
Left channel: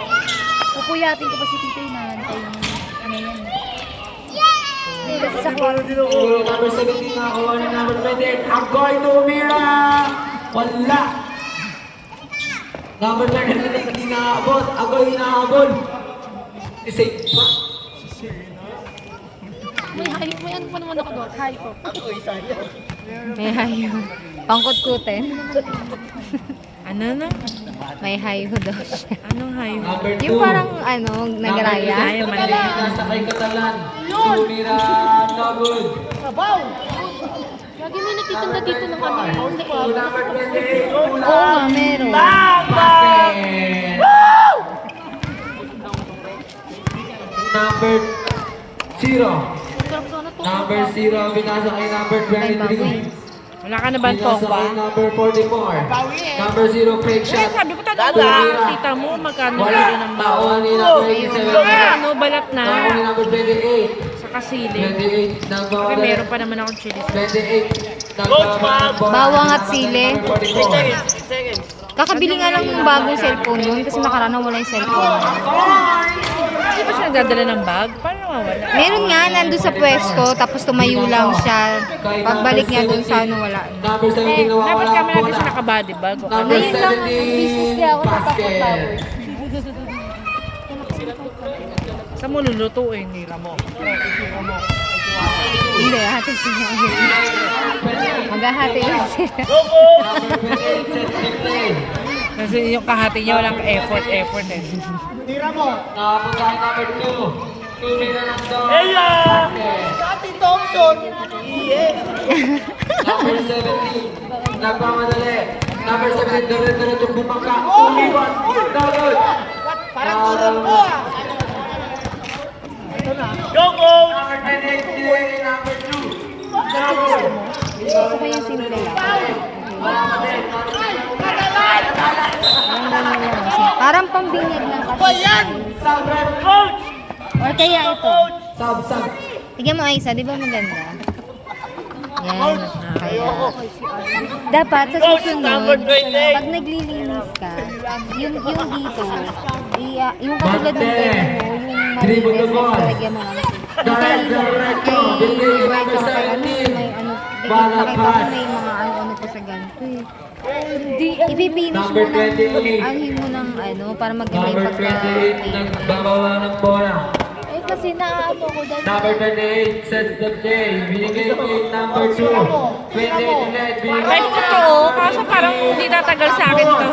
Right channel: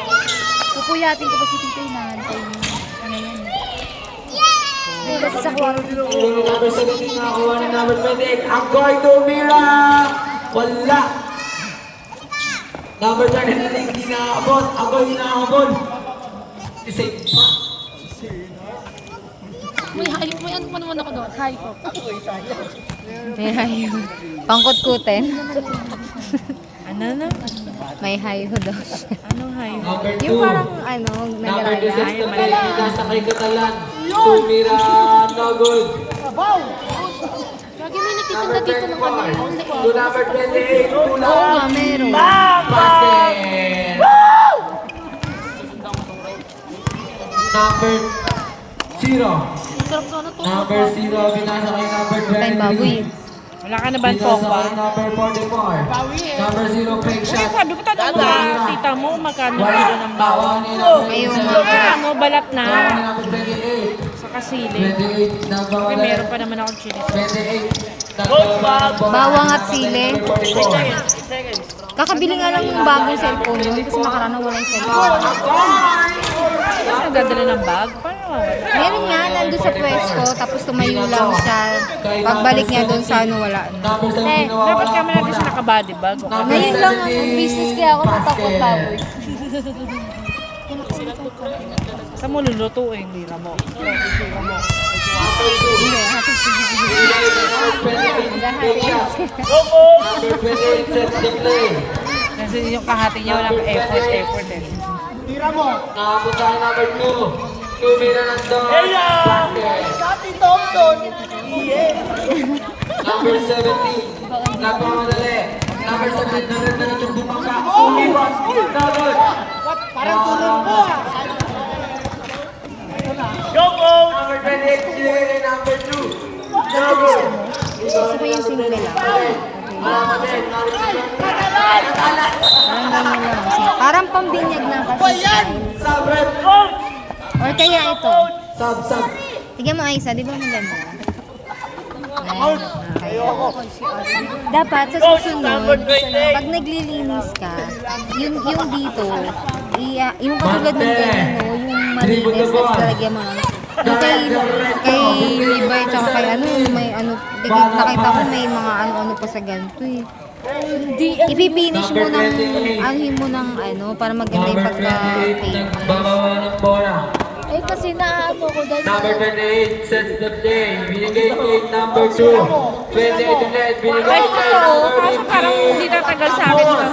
Pupuyatin ko pa si Tito yung nahantay niya. Ano yan? Kasi sa kwarto. Number 17 nakakuha ni number 28. Agoy tumira. Wala. Number 29 hindi naabot. Agoy naabot. Isave pa. May ano pa naman ako doon. Hi po. May hayo. Pangkot-kuten. Ano na? May hayo daw siya. Anong hayo? Number 2. Yung parang ano, Number 2 nagraya. sets the play. Pinasa kay Catalan. Tumira. No good. Lagi may nagtitinda dito ng ano. Number 28. Oo nga, meron. Basket. Number 0. Number 0, binasa kay number Time bago 23. eh. Wala ka na ba Binasa tong kay number 44. Number 0, fake shot. Sabi ko tanong ka, tita mo, magkano Wala. kilo ng bawal? Tawa ni number Ano, balat 7. na. Tawa ni number 28. Sa kasili. 28, nagbawala. Meron pa naman akong chili. 28, nagbaba ng bola. Bawang at Binasa kay sili. number 44. Kakabili nga lang ng bagong cellphone nun kasi nakaraan wala yung cellphone. Hindi ba siya nagdadala ng bag? Paano mawala? Meron nga, nandun sa pwesto, tapos tumayo lang siya. Pagbalik niya doon sa ano, wala. Number 17, nawawala Dapat ang kami natin bola. siya naka-body bag. O Number Ngayon lang, 17, business kaya ako basket. natakot. Sa mo lulutuin, nila mo. Hindi, hati siya. Maghahati yan siya. Number 28, sets the play. Kasi yung kahati niya walang effort eh. Nakapunta kay number 2. Tumira ng doon. Eya! Sati Thompson! Number 17. Nagmamadali. Number 17. Diretso bumangka. Umiwan. Dapat. Parang tulog po. Go, coach! Number 28. Kinuha ni number 2. Gusto ko yung simple lang. Okay. Parang ganyan lang. Parang pambinyag lang kasi. Sub red. Coach! Or kaya ito. Sub. Tignan mo, Aisa, di ba maganda? Yan. Kaya, dapat sa susunod, pag naglilinis ka, yung dito, yung katulad ng ganyan, no, yung malinis na lalagyan mo lang. Yung kay Libre, tsaka kay ano, may ano, nakita mo may mga ano pa sa ganito eh. Ipipinish mo ng, angin mo ng ano, para maganda yung Number 28, nagbabawa ng bola. Eh kasi naano ko dahil Number 28, sets the play. Binigay kay number 2. 28 ulit, binigay Ay, kay totoo. Kaso parang hindi tatagal sa akin ito.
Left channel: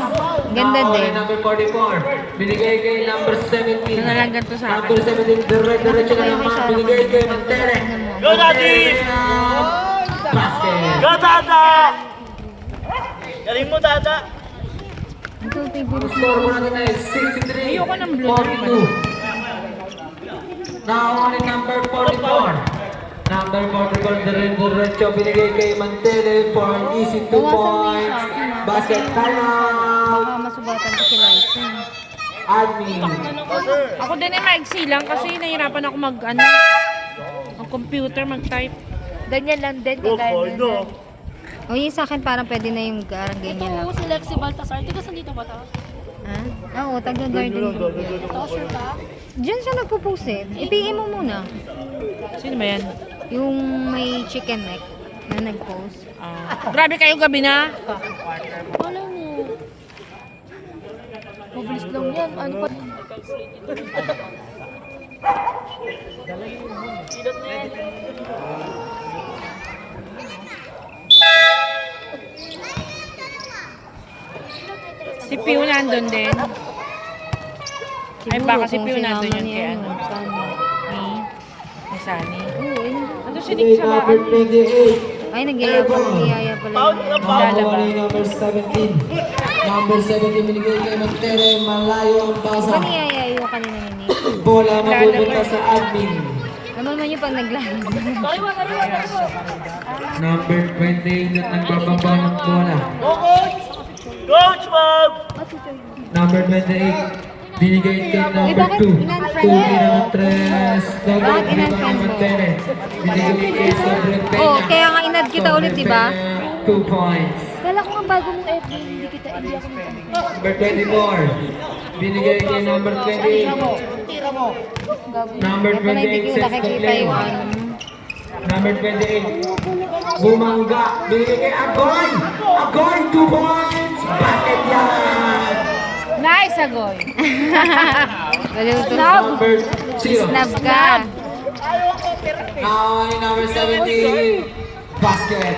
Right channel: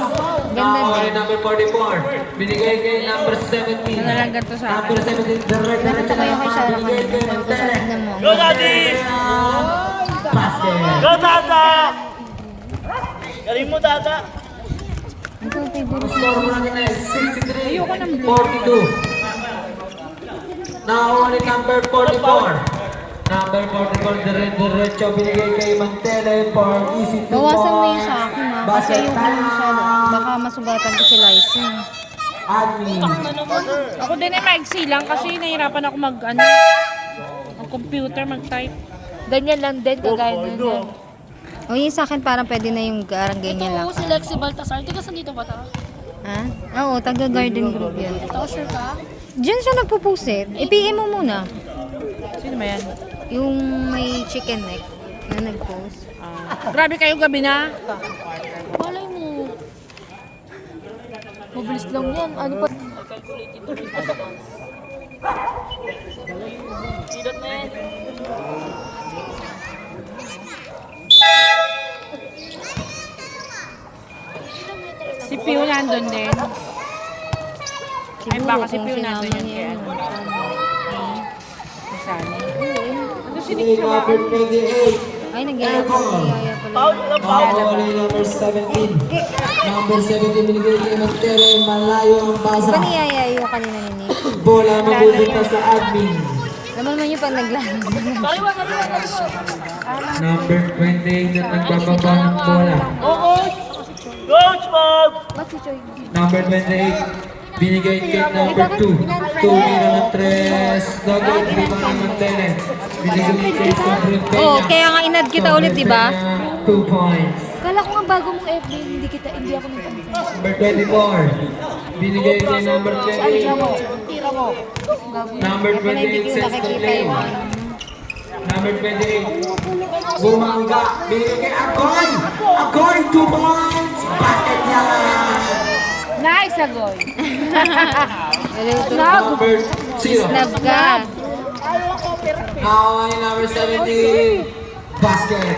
Ganda din. Number 44, binigay kay number 17. Tingnan ganito sa akin. Number 17, diretso na lang na binigay kay Mantere. Go, Daddy! Basket. Go, Dada! Galing mo, Dada! Ito, favorite. Score mo natin is 63, 42. Now only number 44. Number 44, diretso binigay kay Mantele for easy 2 Bawasan mo yung points. sa akin, ha? Kasi Basket yung time. baka masugatan ko si Liza. Admin. Ako din ay maigsi lang kasi nahirapan ako ang computer, mag-type. ganyan lang din, kagaya din. O yung sa akin parang pwede na yung ganyan lang. Si Lexi Baltasar, hindi ka dito ba ta? Ha? Oo, taga-garden group yun. Sure ka? Diyan siya nagpupusit. I-PM mo muna. Sino ba yan? Yung may chicken neck na nag-post. Grabe kayo gabi na. Malay mo. Mabilis lang yan. Ano pa? Si Pio nandun din. Ay, baka si kung Pio sinama nandun yan niya kaya. yun. Sani. Ano si Binigay Nick sa number 28. Ay, nagyaya pala yun. Nakawala yung number 17. Number 17 binigay kay Mantele. Malayo ang Di basa. ba niyaya yung kanina ni Nick? Bola mapupunta sa admin. Naman man yung pag naglalaro. Number 28 na nagbababa ng bola. Coach, Bob! Number 28, binigay kay number 2. 2 ng 3. Double three mga Mantele. Binigay kay Sobrang Peña. Oo, kaya nga inad kita ulit, di ba? 2 points. Kala ko nga bagong FB, hindi ako nag-confess. Number 24, binigay kay number 28. Number Wala, hindi 28 ko sets the nakikita play. yung ano. Number 28, Bumangga. Binigay kay Agoy. Agoy, 2 points. Basket yan. Nice, Agoy. Maluto. Number 0. Snap ka. Now, number 17, basket.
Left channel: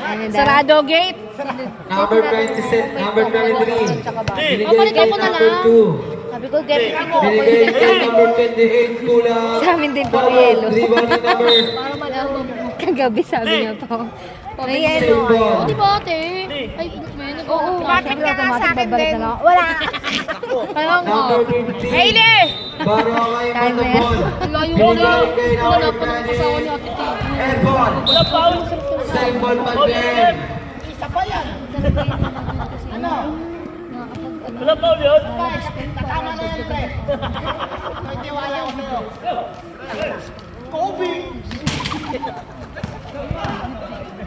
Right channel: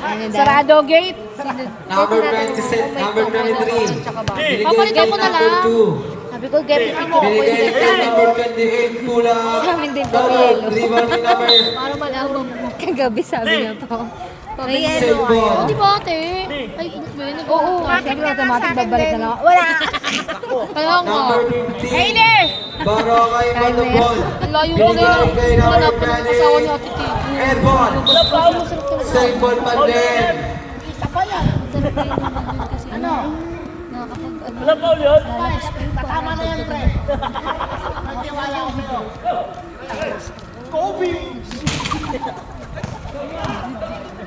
Ano daw? Sarado gate. Number 26, number 23. Binigay mo na kay number lang. 2. Sabi ko, get it ko. Binigay kay number 28, kulang. Sa amin din po, yelo. Rebound ni number Para malaman mo. Kagabi sabi niya po. Pamiyelo kayo. Di ba ate? Ay, may nag- Oo, siyempre automatic babalik na lang. Wala! Kaya nga. number 15. Baro kay Manubon. Layo ko na lang. Hanapan ng kasawa ni Ate Tito. Airball. Same ball pa din. Wala pa ulit?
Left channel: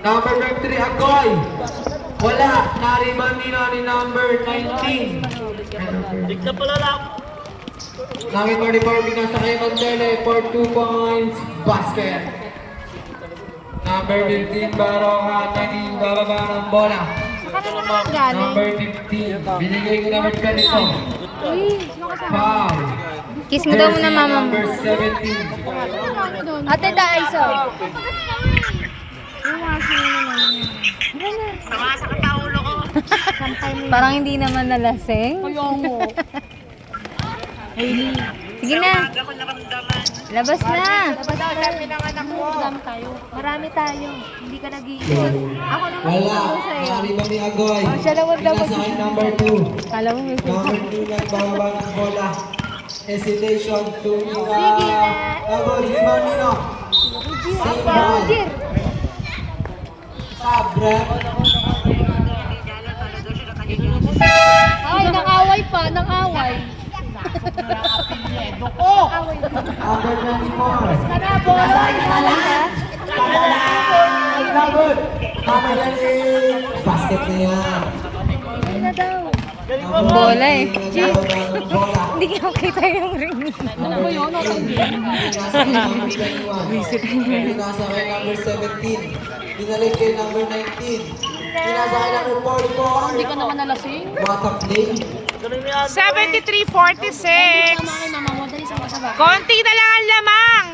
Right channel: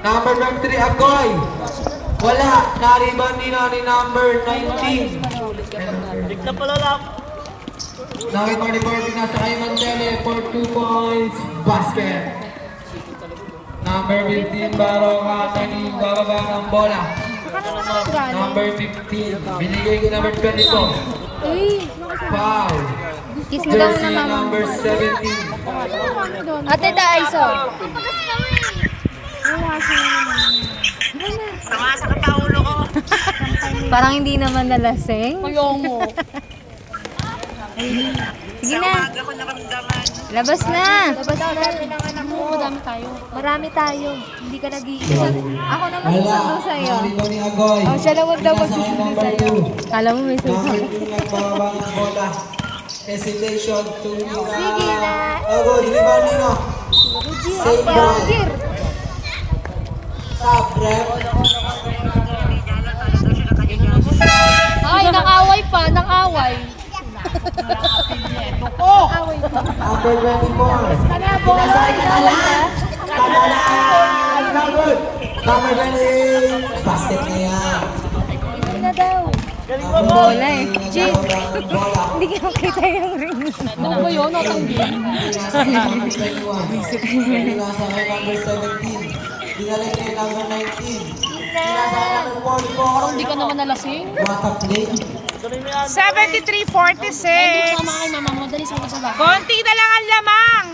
Number 3, Agoy. Wala. Na-rebound ni number 19. Dik na pala lang. Number 44, binasa kay Mantele for 2 points. Basket. Number 15, Baroka. Naging bababa ng bola. Number 15, binigay ko number 24. Foul. Kiss mo daw na Jersey mama mo. number 17. Ate Daisa. Parang hindi naman nalasing. Ayaw mo. Sige na. Labas na. Madami tayo. Marami tayo. Hindi ka nag-iisa. Ako naman Wala. isama sa'yo. Na-rebound ni Agoy. siya lang daw Binasa kay number 2. Kala mo may Number 2, nagbababa ng bola. Hesitation to Sige na. Agoy, rebound nino. Save ball. Sub, rep. Ay, nang-away pa. nang away. Oh! Away ka. Number 24. Kami ang bolo, away ka. Number 28. Basket na yan. Hindi na daw. Yung bola eh. Bola. Hindi ko kita yung ring. Ano ba yun? Pinasa kay number 21. Pinasa kay number 17. Binalik kay number 19. Pinasa kay number 44. Hindi ka naman nalasing. What a play. 73-46. Sama kayo, mama. Dali sa kasama. Konti na lang ang lamang.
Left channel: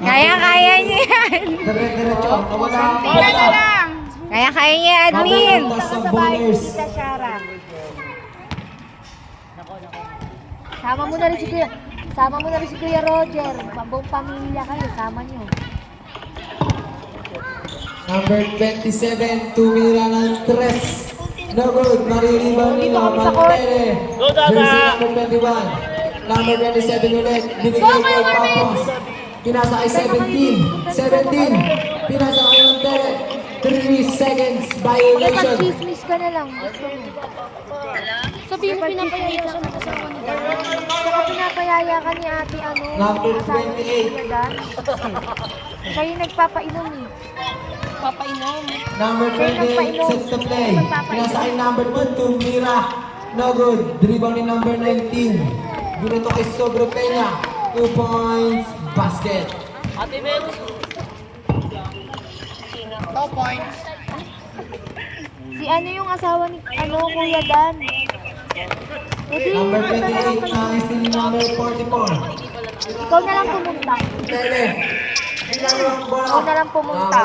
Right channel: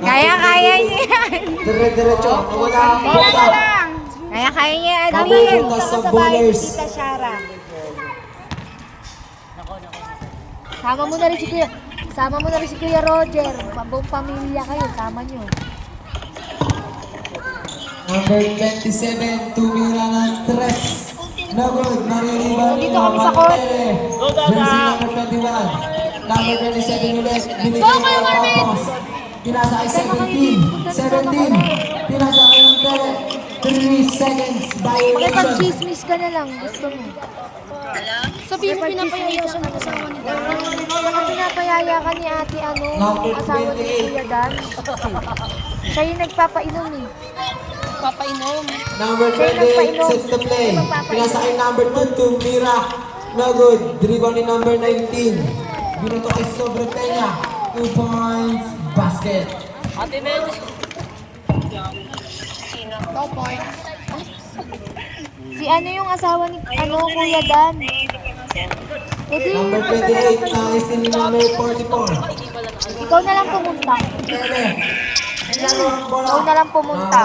Kaya niya yan. Dire-diretso. Wala. Konti na lang. Kaya niya, admin. Punta sa Bullers. Shara. Sama mo na rin si Kuya. Sama mo na rin si Kuya Roger. Buong pamilya kayo, sama nyo. Number 27, tumira ng tres. No good, maririban nila, Mantere. Jersey number 21. Number 27 ulit, binigay kay Papos. Pinasa kay 17. 17. Pinasa kay Mantere. 3 seconds, violation. Pag-chismis ka na lang. Gusto mo. Sabihin mo pinapayaya siya ng asawa ni Kuya. Pinapayaya ka ni ate ano. Number asawa ni 28. Kuya Dan. Siya yung nagpapainom eh. Papainom. Number 28, sets to play. Pinasa kay number 1, tumira. No good, dribble ni number 19. Binato kay Sobro Peña. 2 points, basket. Si ano yung asawa ni ano Kuya Dan? Edi, Number 28, nais ni number 44. ikaw na lang pumunta. Tele. Pinalo ang bola. Ikaw na lang pumunta.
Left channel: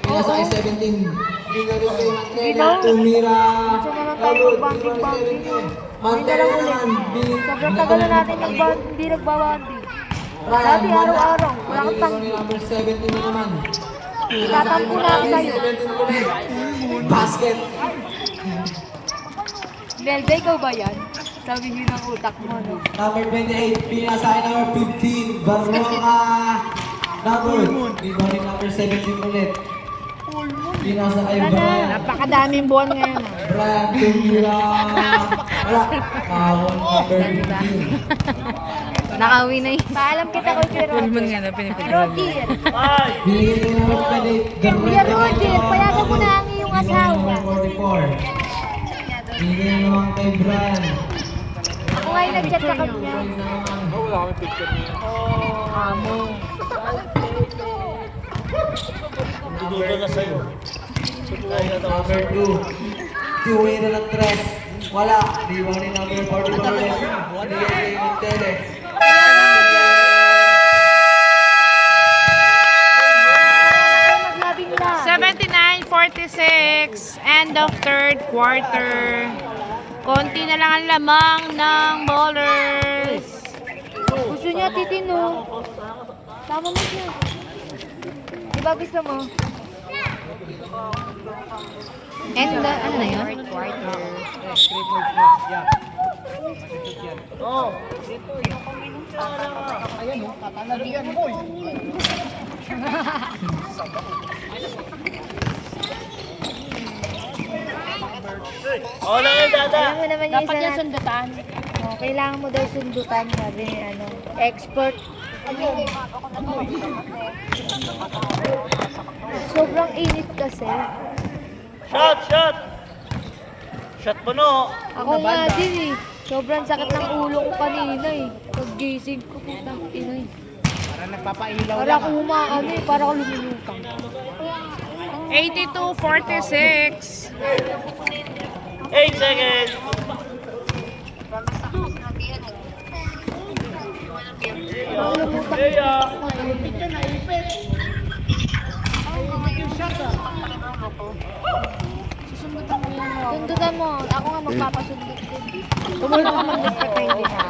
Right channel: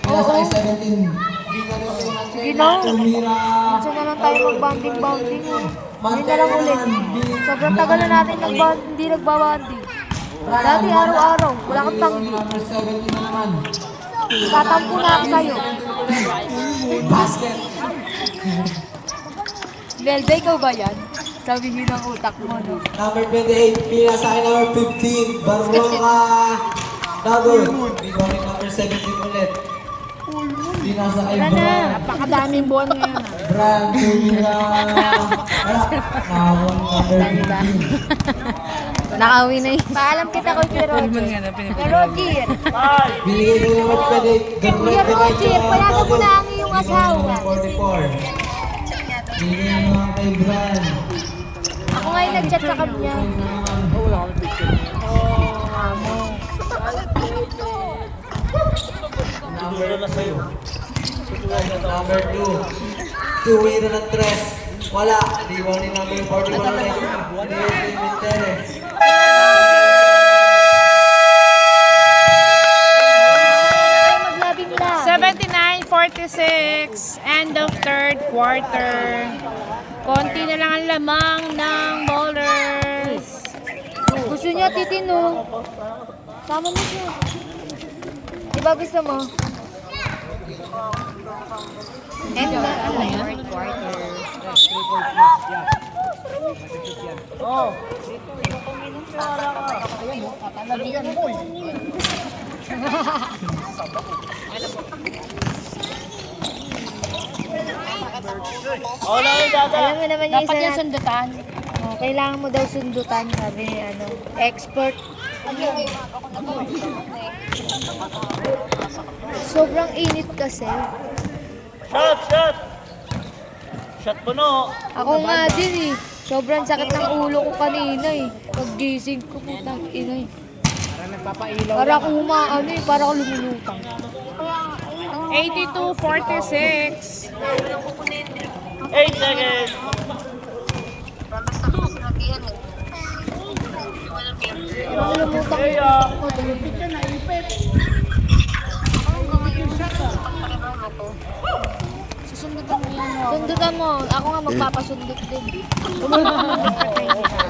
Pinasa kay 17. Bigay rin ng Tele. Tumira. Diyan na lang tayo magbanding-banding. Yun na lang ulit. Sobrang tagal na natin hindi nagbabanding. Dati araw-araw, wala kang tanggi. Number 17 naman. Tatampo na ako sa'yo. 17 ulit. Basket. Melda, ikaw ba yan? Sabihin ng utak mo, no? Number 28, pinasa kay number 15, Baronga. Number, bigay rin number 17 ulit. Pinasa kay Brian. Napakadaming buwan ngayon. Brian, tumira. Wala. Nawawang number 15. Nakauwi na yun. Paalam kita kay Kuya Roger. Roger! Binigay ko naman pwede. Kuya Roger, payagan mo na ang iyong asawa. Number 44. Binigay naman kay Brian. Kung ngayon nag-chat sa kanya. Amo. Number 2. Number 2. Two-way na ng tres. Wala. Diwan ni number 44 ulit. Binigay ko yung Montele. Maglabing na. 79-46. End of third quarter. Konti na lang ang lamang ng bowlers. Gusto niya titino. Sama mo siya. Diba gusto mo? And ano yun? Fourth quarter. Wala yung dada. Alam mo naman yung Dapat isa yung na- sundutan. Kailangan mo daw sundutan, sabi ni ano, expert. Sobrang init kasi. Shot, shot. Shot mo no. Ako nga din eh. Sobrang sakit ng ulo ko kanina eh. Paggising ko, putang ina eh. Para akong umaano eh, para akong lumulutang. 82-46. 8 seconds. Parang lumutang ako. Susundutan mo yan. Sundutan mo. Ako nga magpapasundot din. Tumulong ka mag-entertain ha.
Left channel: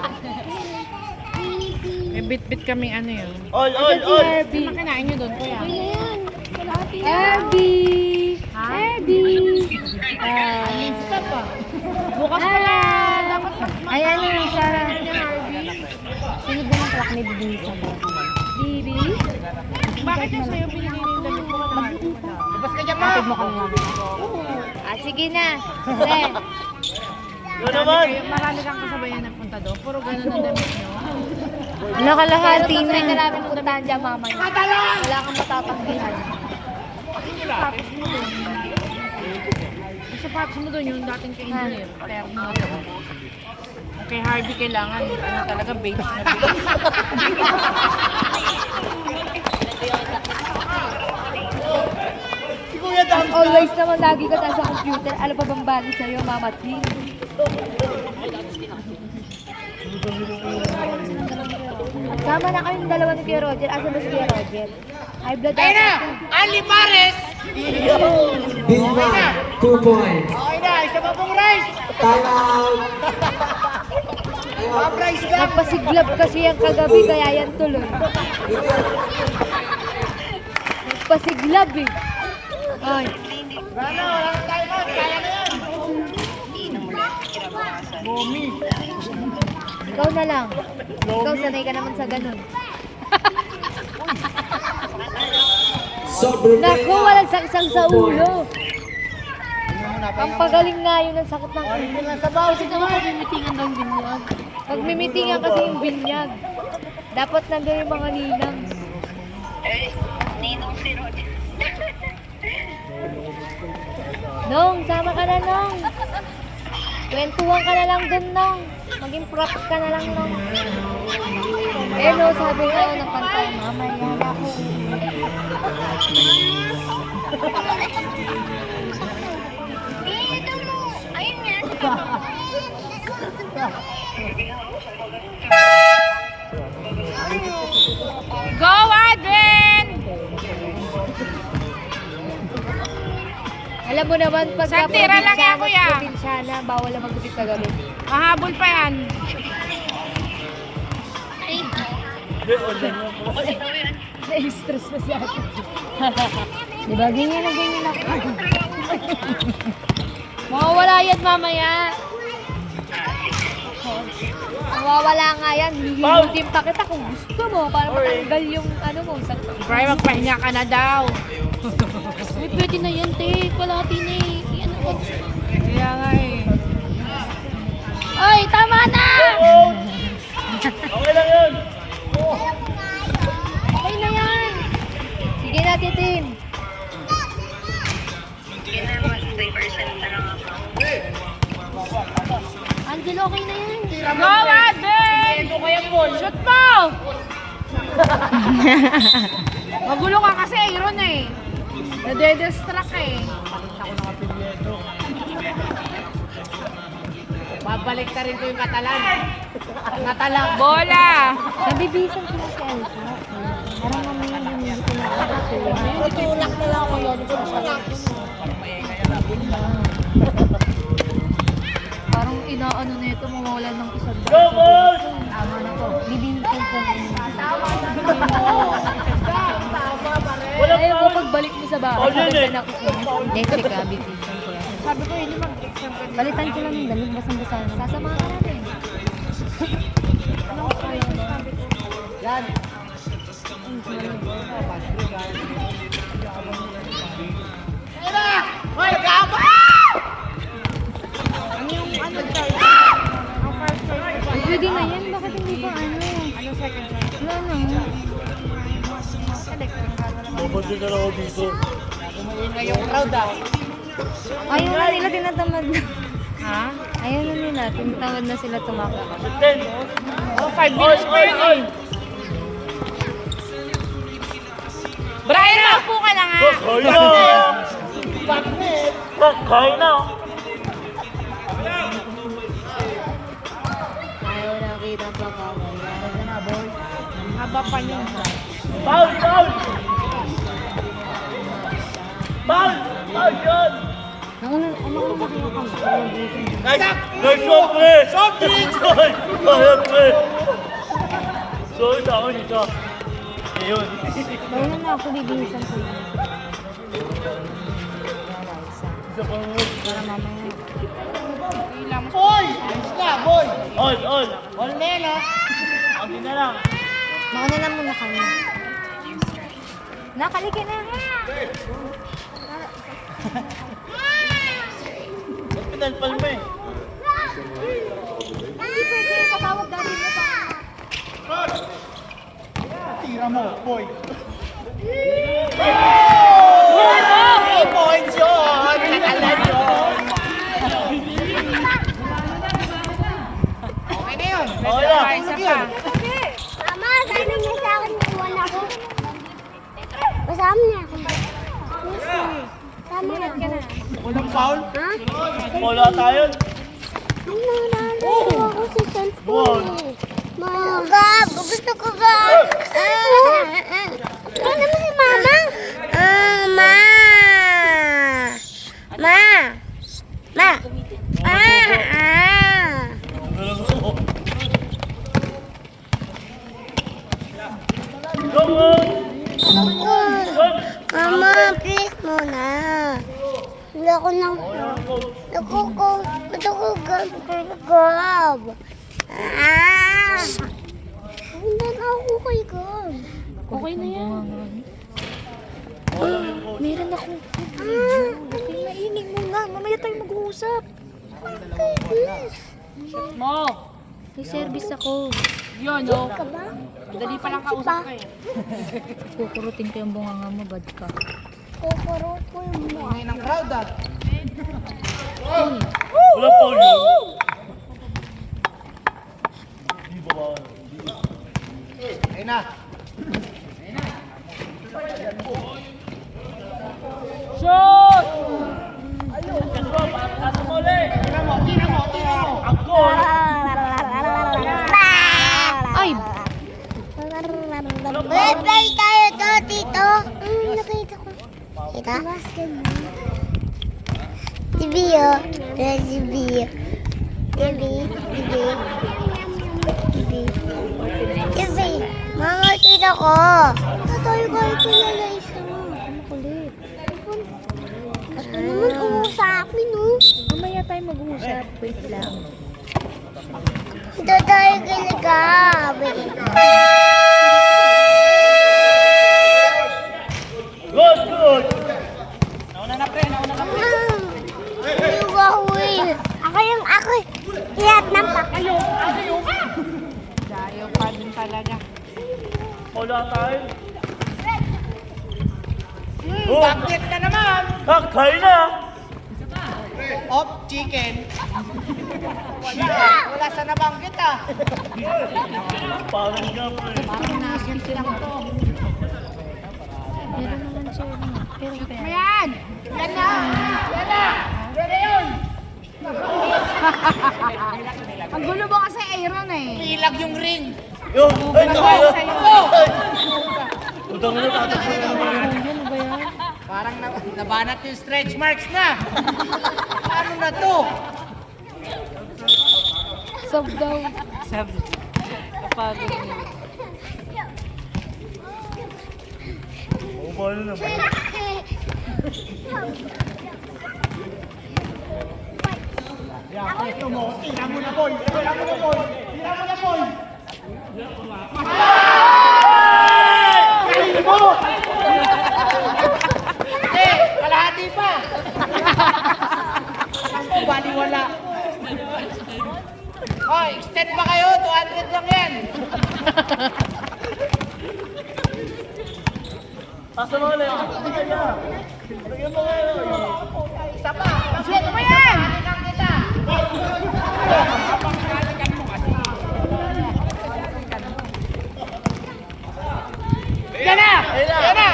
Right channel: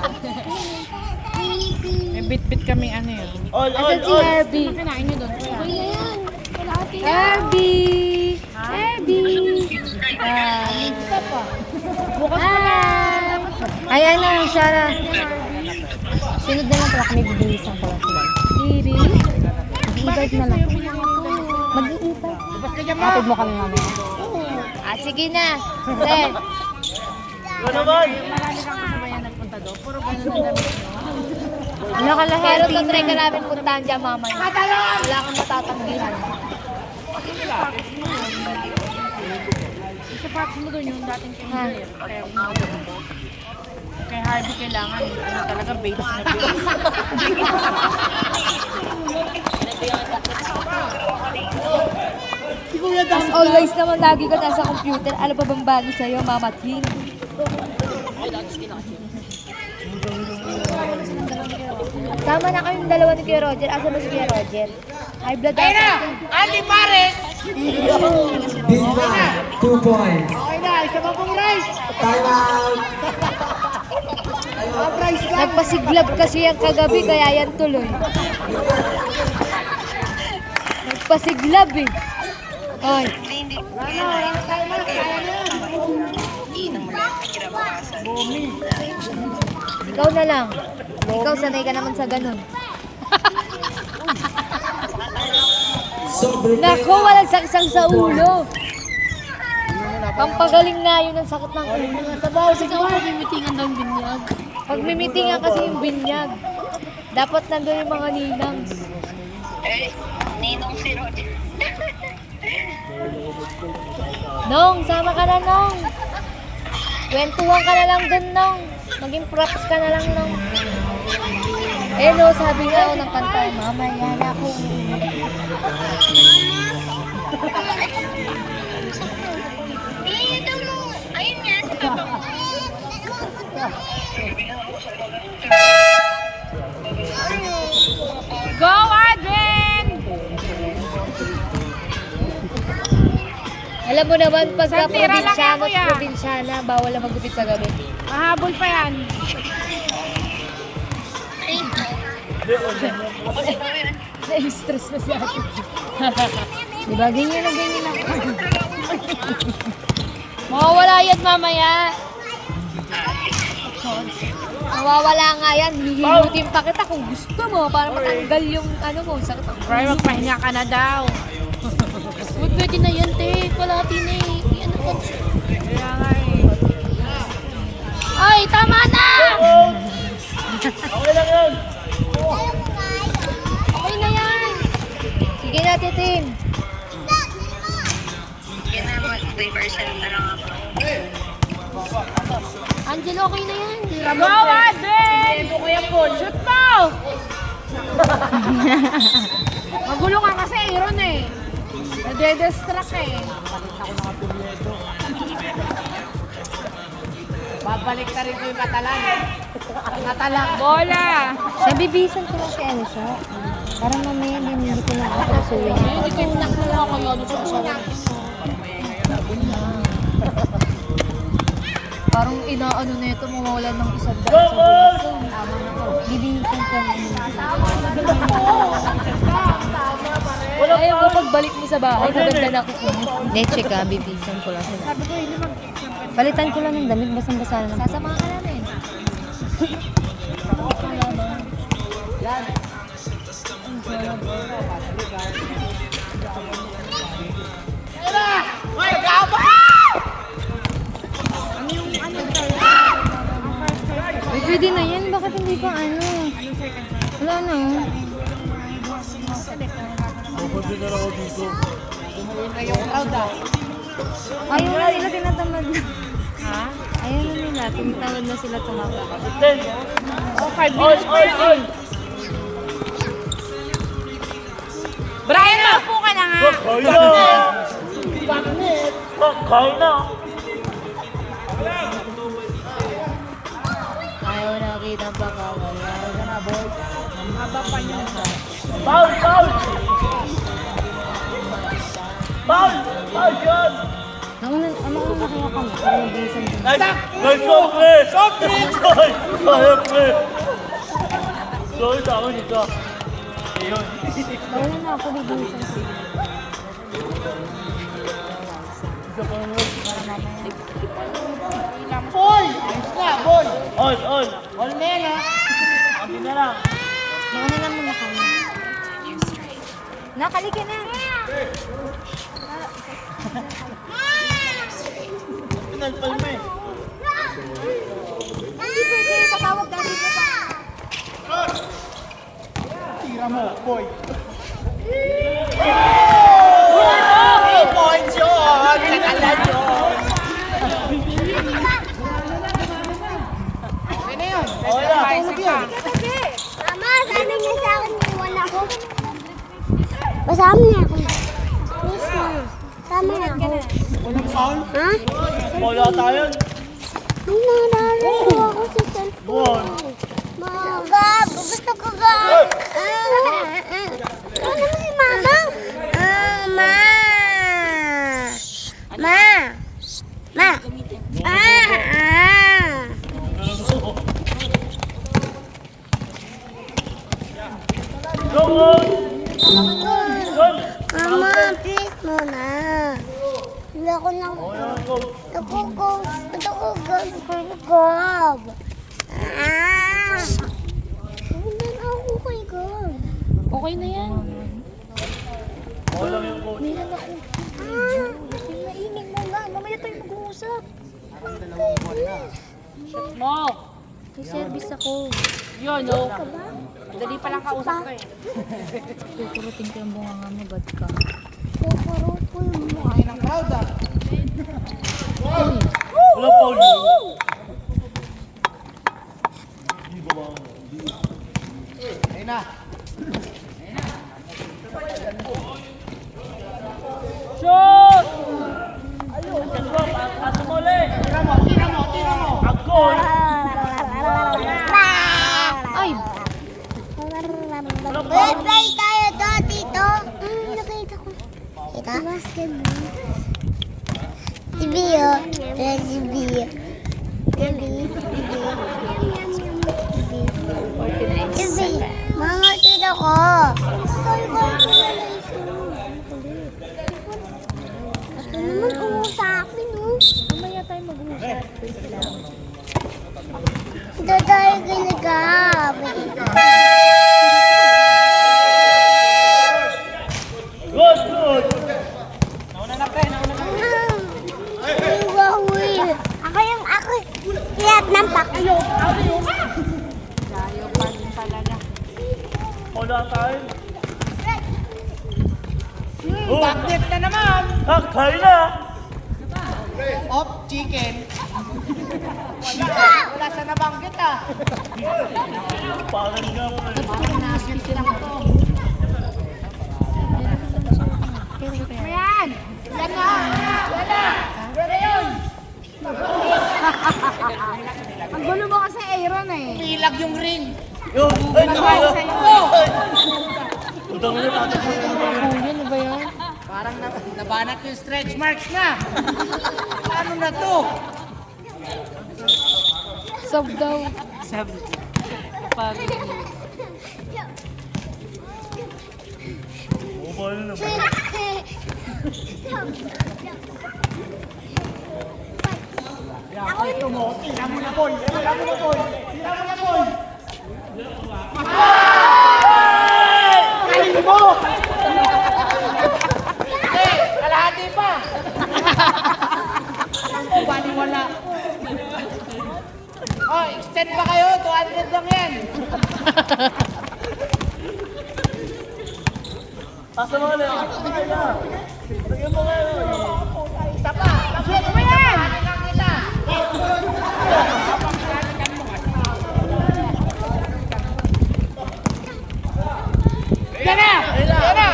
May bit-bit kami ano yun. All, Asan si Herbie? Kinain nyo doon kuya. Herbie! Herbie! Bukas pa na. Ayan na, siya na. Sunod na lang pala kami bibilisan pala sila. Bibi? Bakit na sa'yo binili nila yung Mag-iipan. Basta kanya Kapit mo kami namin. Ah, sige na. Then, Yun naman. Marami kang kasabayan nagpunta doon. Puro ganun ang damit nyo. Wala ka Pero lahat, tatry ka namin puntahan dyan mamaya. Wala kang matatanggihan. Isa pa mo doon yung dating kay Angel. Kaya kung mga doon. Kay Harvey kailangan. Ano talaga, base na base. As always naman, lagi ka nasa computer. Ano pa bang bago sa'yo, Mama Twin? Sama na kayong dalawa ni Kuya Roger. Asa ba si Kuya Roger? High blood ata. Andy Pares! Big man, 2 points. Okay na, isa pa pong rice! Time out. Nagpasiglab kasi yan kagabi, kaya yan tuloy. Nagpasiglab eh. Ay. Ikaw na lang. Ikaw sanay ka naman sa ganun. Sobrang Naku, walang saksang sa ulo. Pampagaling na yun ang sakit ng ulo. Sabaw, sige mo, mimitingan daw yung binyag. Pag mimitingan kasi yung binyag, dapat nandun yung mga ninangs. Nong, sama ka na, Nong. Kwentuhan ka na lang dun, Nong. Maging props ka na lang, Nong. Eh, no, sabi nga ng kanta, mamaya na ako. Go, Adrian! Alam mo naman, pagka Sa tira lang yan, probinsyano at kuya. probinsyana, bawal na magupit sa gabi. Mahabol pa yan. Na-stress na si ate. Diba, ganyan na ganyan ako. Mawawala yan mamaya. Mawawala nga yan. Hihilutin pa kita kung gusto mo para matanggal yung ano mo. Sakit ang Bray, magpahinga ka na daw. pwede na yan, te. Kalati na eh. Ano ko? Kaya nga eh. Oy, tama na! Okay lang yun! Okay na yan. Sige na, Titin. Angel, okay na yan. Go, Adrian! Shoot mo! Magulo ka kasi, Aaron eh. Nade-distract eh. Babalik ka rin ko yung katalan. Katalan. Bola! Nabibisan ko lang si Elsa. Parang mamaya hindi ko lang kakasuhin. Tutulak mo lang ako yun. Parang inaano na ito, mawawalan ng isang dahil. Bibisan ko lang. Ayaw mo pagbalik mo sa bahay, maganda na ako kung Hindi, check ka. Bibisan ko lang. sabi ko, hindi Palitan ko lang ng damit. Basang-basa na. sasamahan ka namin. Ay, pwede na yan. Bakit hindi pa ano? Wala na. Napagod na ako dito. Ayaw na nila tinatamad na. Ha? Ayaw na nila. Tinatawad na sila tumakbo. 5 minutes pa yan eh. Brian, maupo ka na nga. Kaya! Kaya na! Ayaw na kita pa ka. Haba pa niya. Foul! Foul! Foul! Foul yun! Ako na nakuha kami. Pero bibisan ko. Nice! Nice one, pre! Something! Kaya, pre! Sorry sa ako dito. Ayun. Bawal na ako. Bibisan ko. Isa pa mo. Boy! Ayos na, boy! All, all! All na yan, ha? Abi na lang. Mauna lang muna kami. Nakalika na. Pinalpal mo eh. Hindi pwede tatawag dati mo pa. Tira mo, boy. 3 points yun! Kakalan yun! Okay na yun. Okay na. Mama, sabi niya sa akin iwan ako. Masama niya ako. Yes, ma'am. Sama niya ako. Ha? Wala tayo. Nalaro ako sa cellphone. Mama, Gab, gusto ko Gab. Ano mo si Mama? Ma. Ma. Ma. Go, go! Mama, please muna. Wala ko nang... Gab. Bundan ako kay Gab. Okay na yan. Meron ako. Mainig mo nga. Mamaya tayo mag-uusap. Mo. May service ako. Yun, no? Dali pa lang kausap ko eh. Kukurutin ko yung bunganga mo, bad ka. Kukurupol mo. Wala pa ulit. Shoot! Ay! Play tayo to, tito. Nakita ko. Kita? Basketball. Si Bio. Si Bio. Si Mama, tito ko. Tayo ka kilala isa. Kulit. Ano naman sa akin, no? Mamaya tayo mag-uusap. Wait lang. Ito tayo kilagabi. Good, good! Ako lahat ng pakyo. Wala tayo. Bakit na naman? Hakay na! Off chicken. Wala sa nabanggit ah. Parang nga pa eh. Ayan. Ang gulo mo kasi Aaron eh. Pilag yung ring. Yung, ay, tayo! Utang na natin. Ano ba yun? Parang nabanat yung stretch marks na. Ano na to? Sob daw. Kapagod niya. O, paano na ba? Ito mo, tira mo na ball. Tira mo na ball. Tira mo na ball. Kaling mo! Hindi, kalahati pa. Bali wala. Oh, extend pa kayo. 200 lang yan. Asa mga na yun? Lagyan mo nga yun. Isa pa. Shoot mo yan! Ano kita? Yan na! Yan na!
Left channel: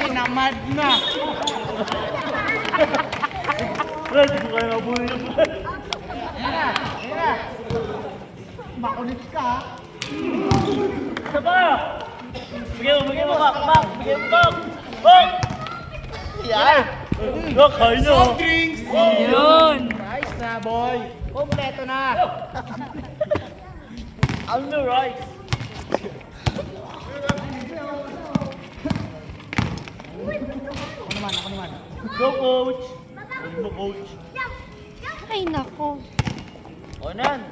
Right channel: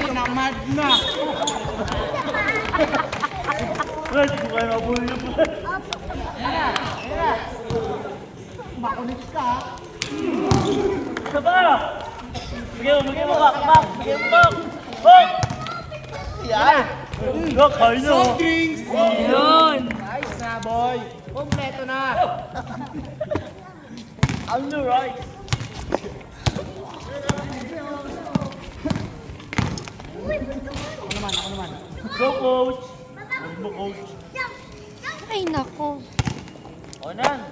Tinamad na! Red, hindi kayo abulin. Makulit ka. Isa pa! Bigyan mo back, back! Bigyan mo back! Back! Yan! Hakay na! Drinks! Yun! Nice na, boy! Kompleto na! On the right! Go, coach! Huwag mo, coach! Ay, nako. Onan!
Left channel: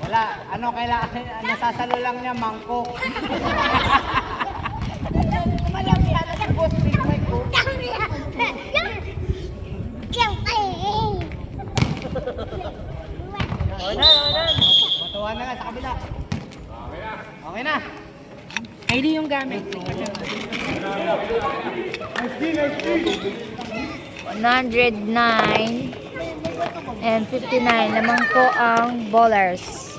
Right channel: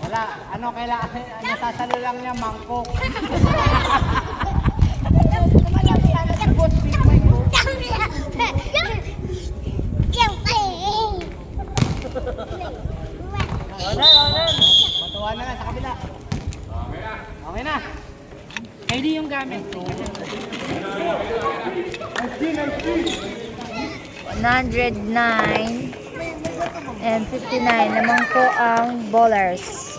Wala. Ano kailangan? Nasasalo lang niya, mangkok. Kylie yung gamit ko. 109 and 59. Lamang po ang bowlers.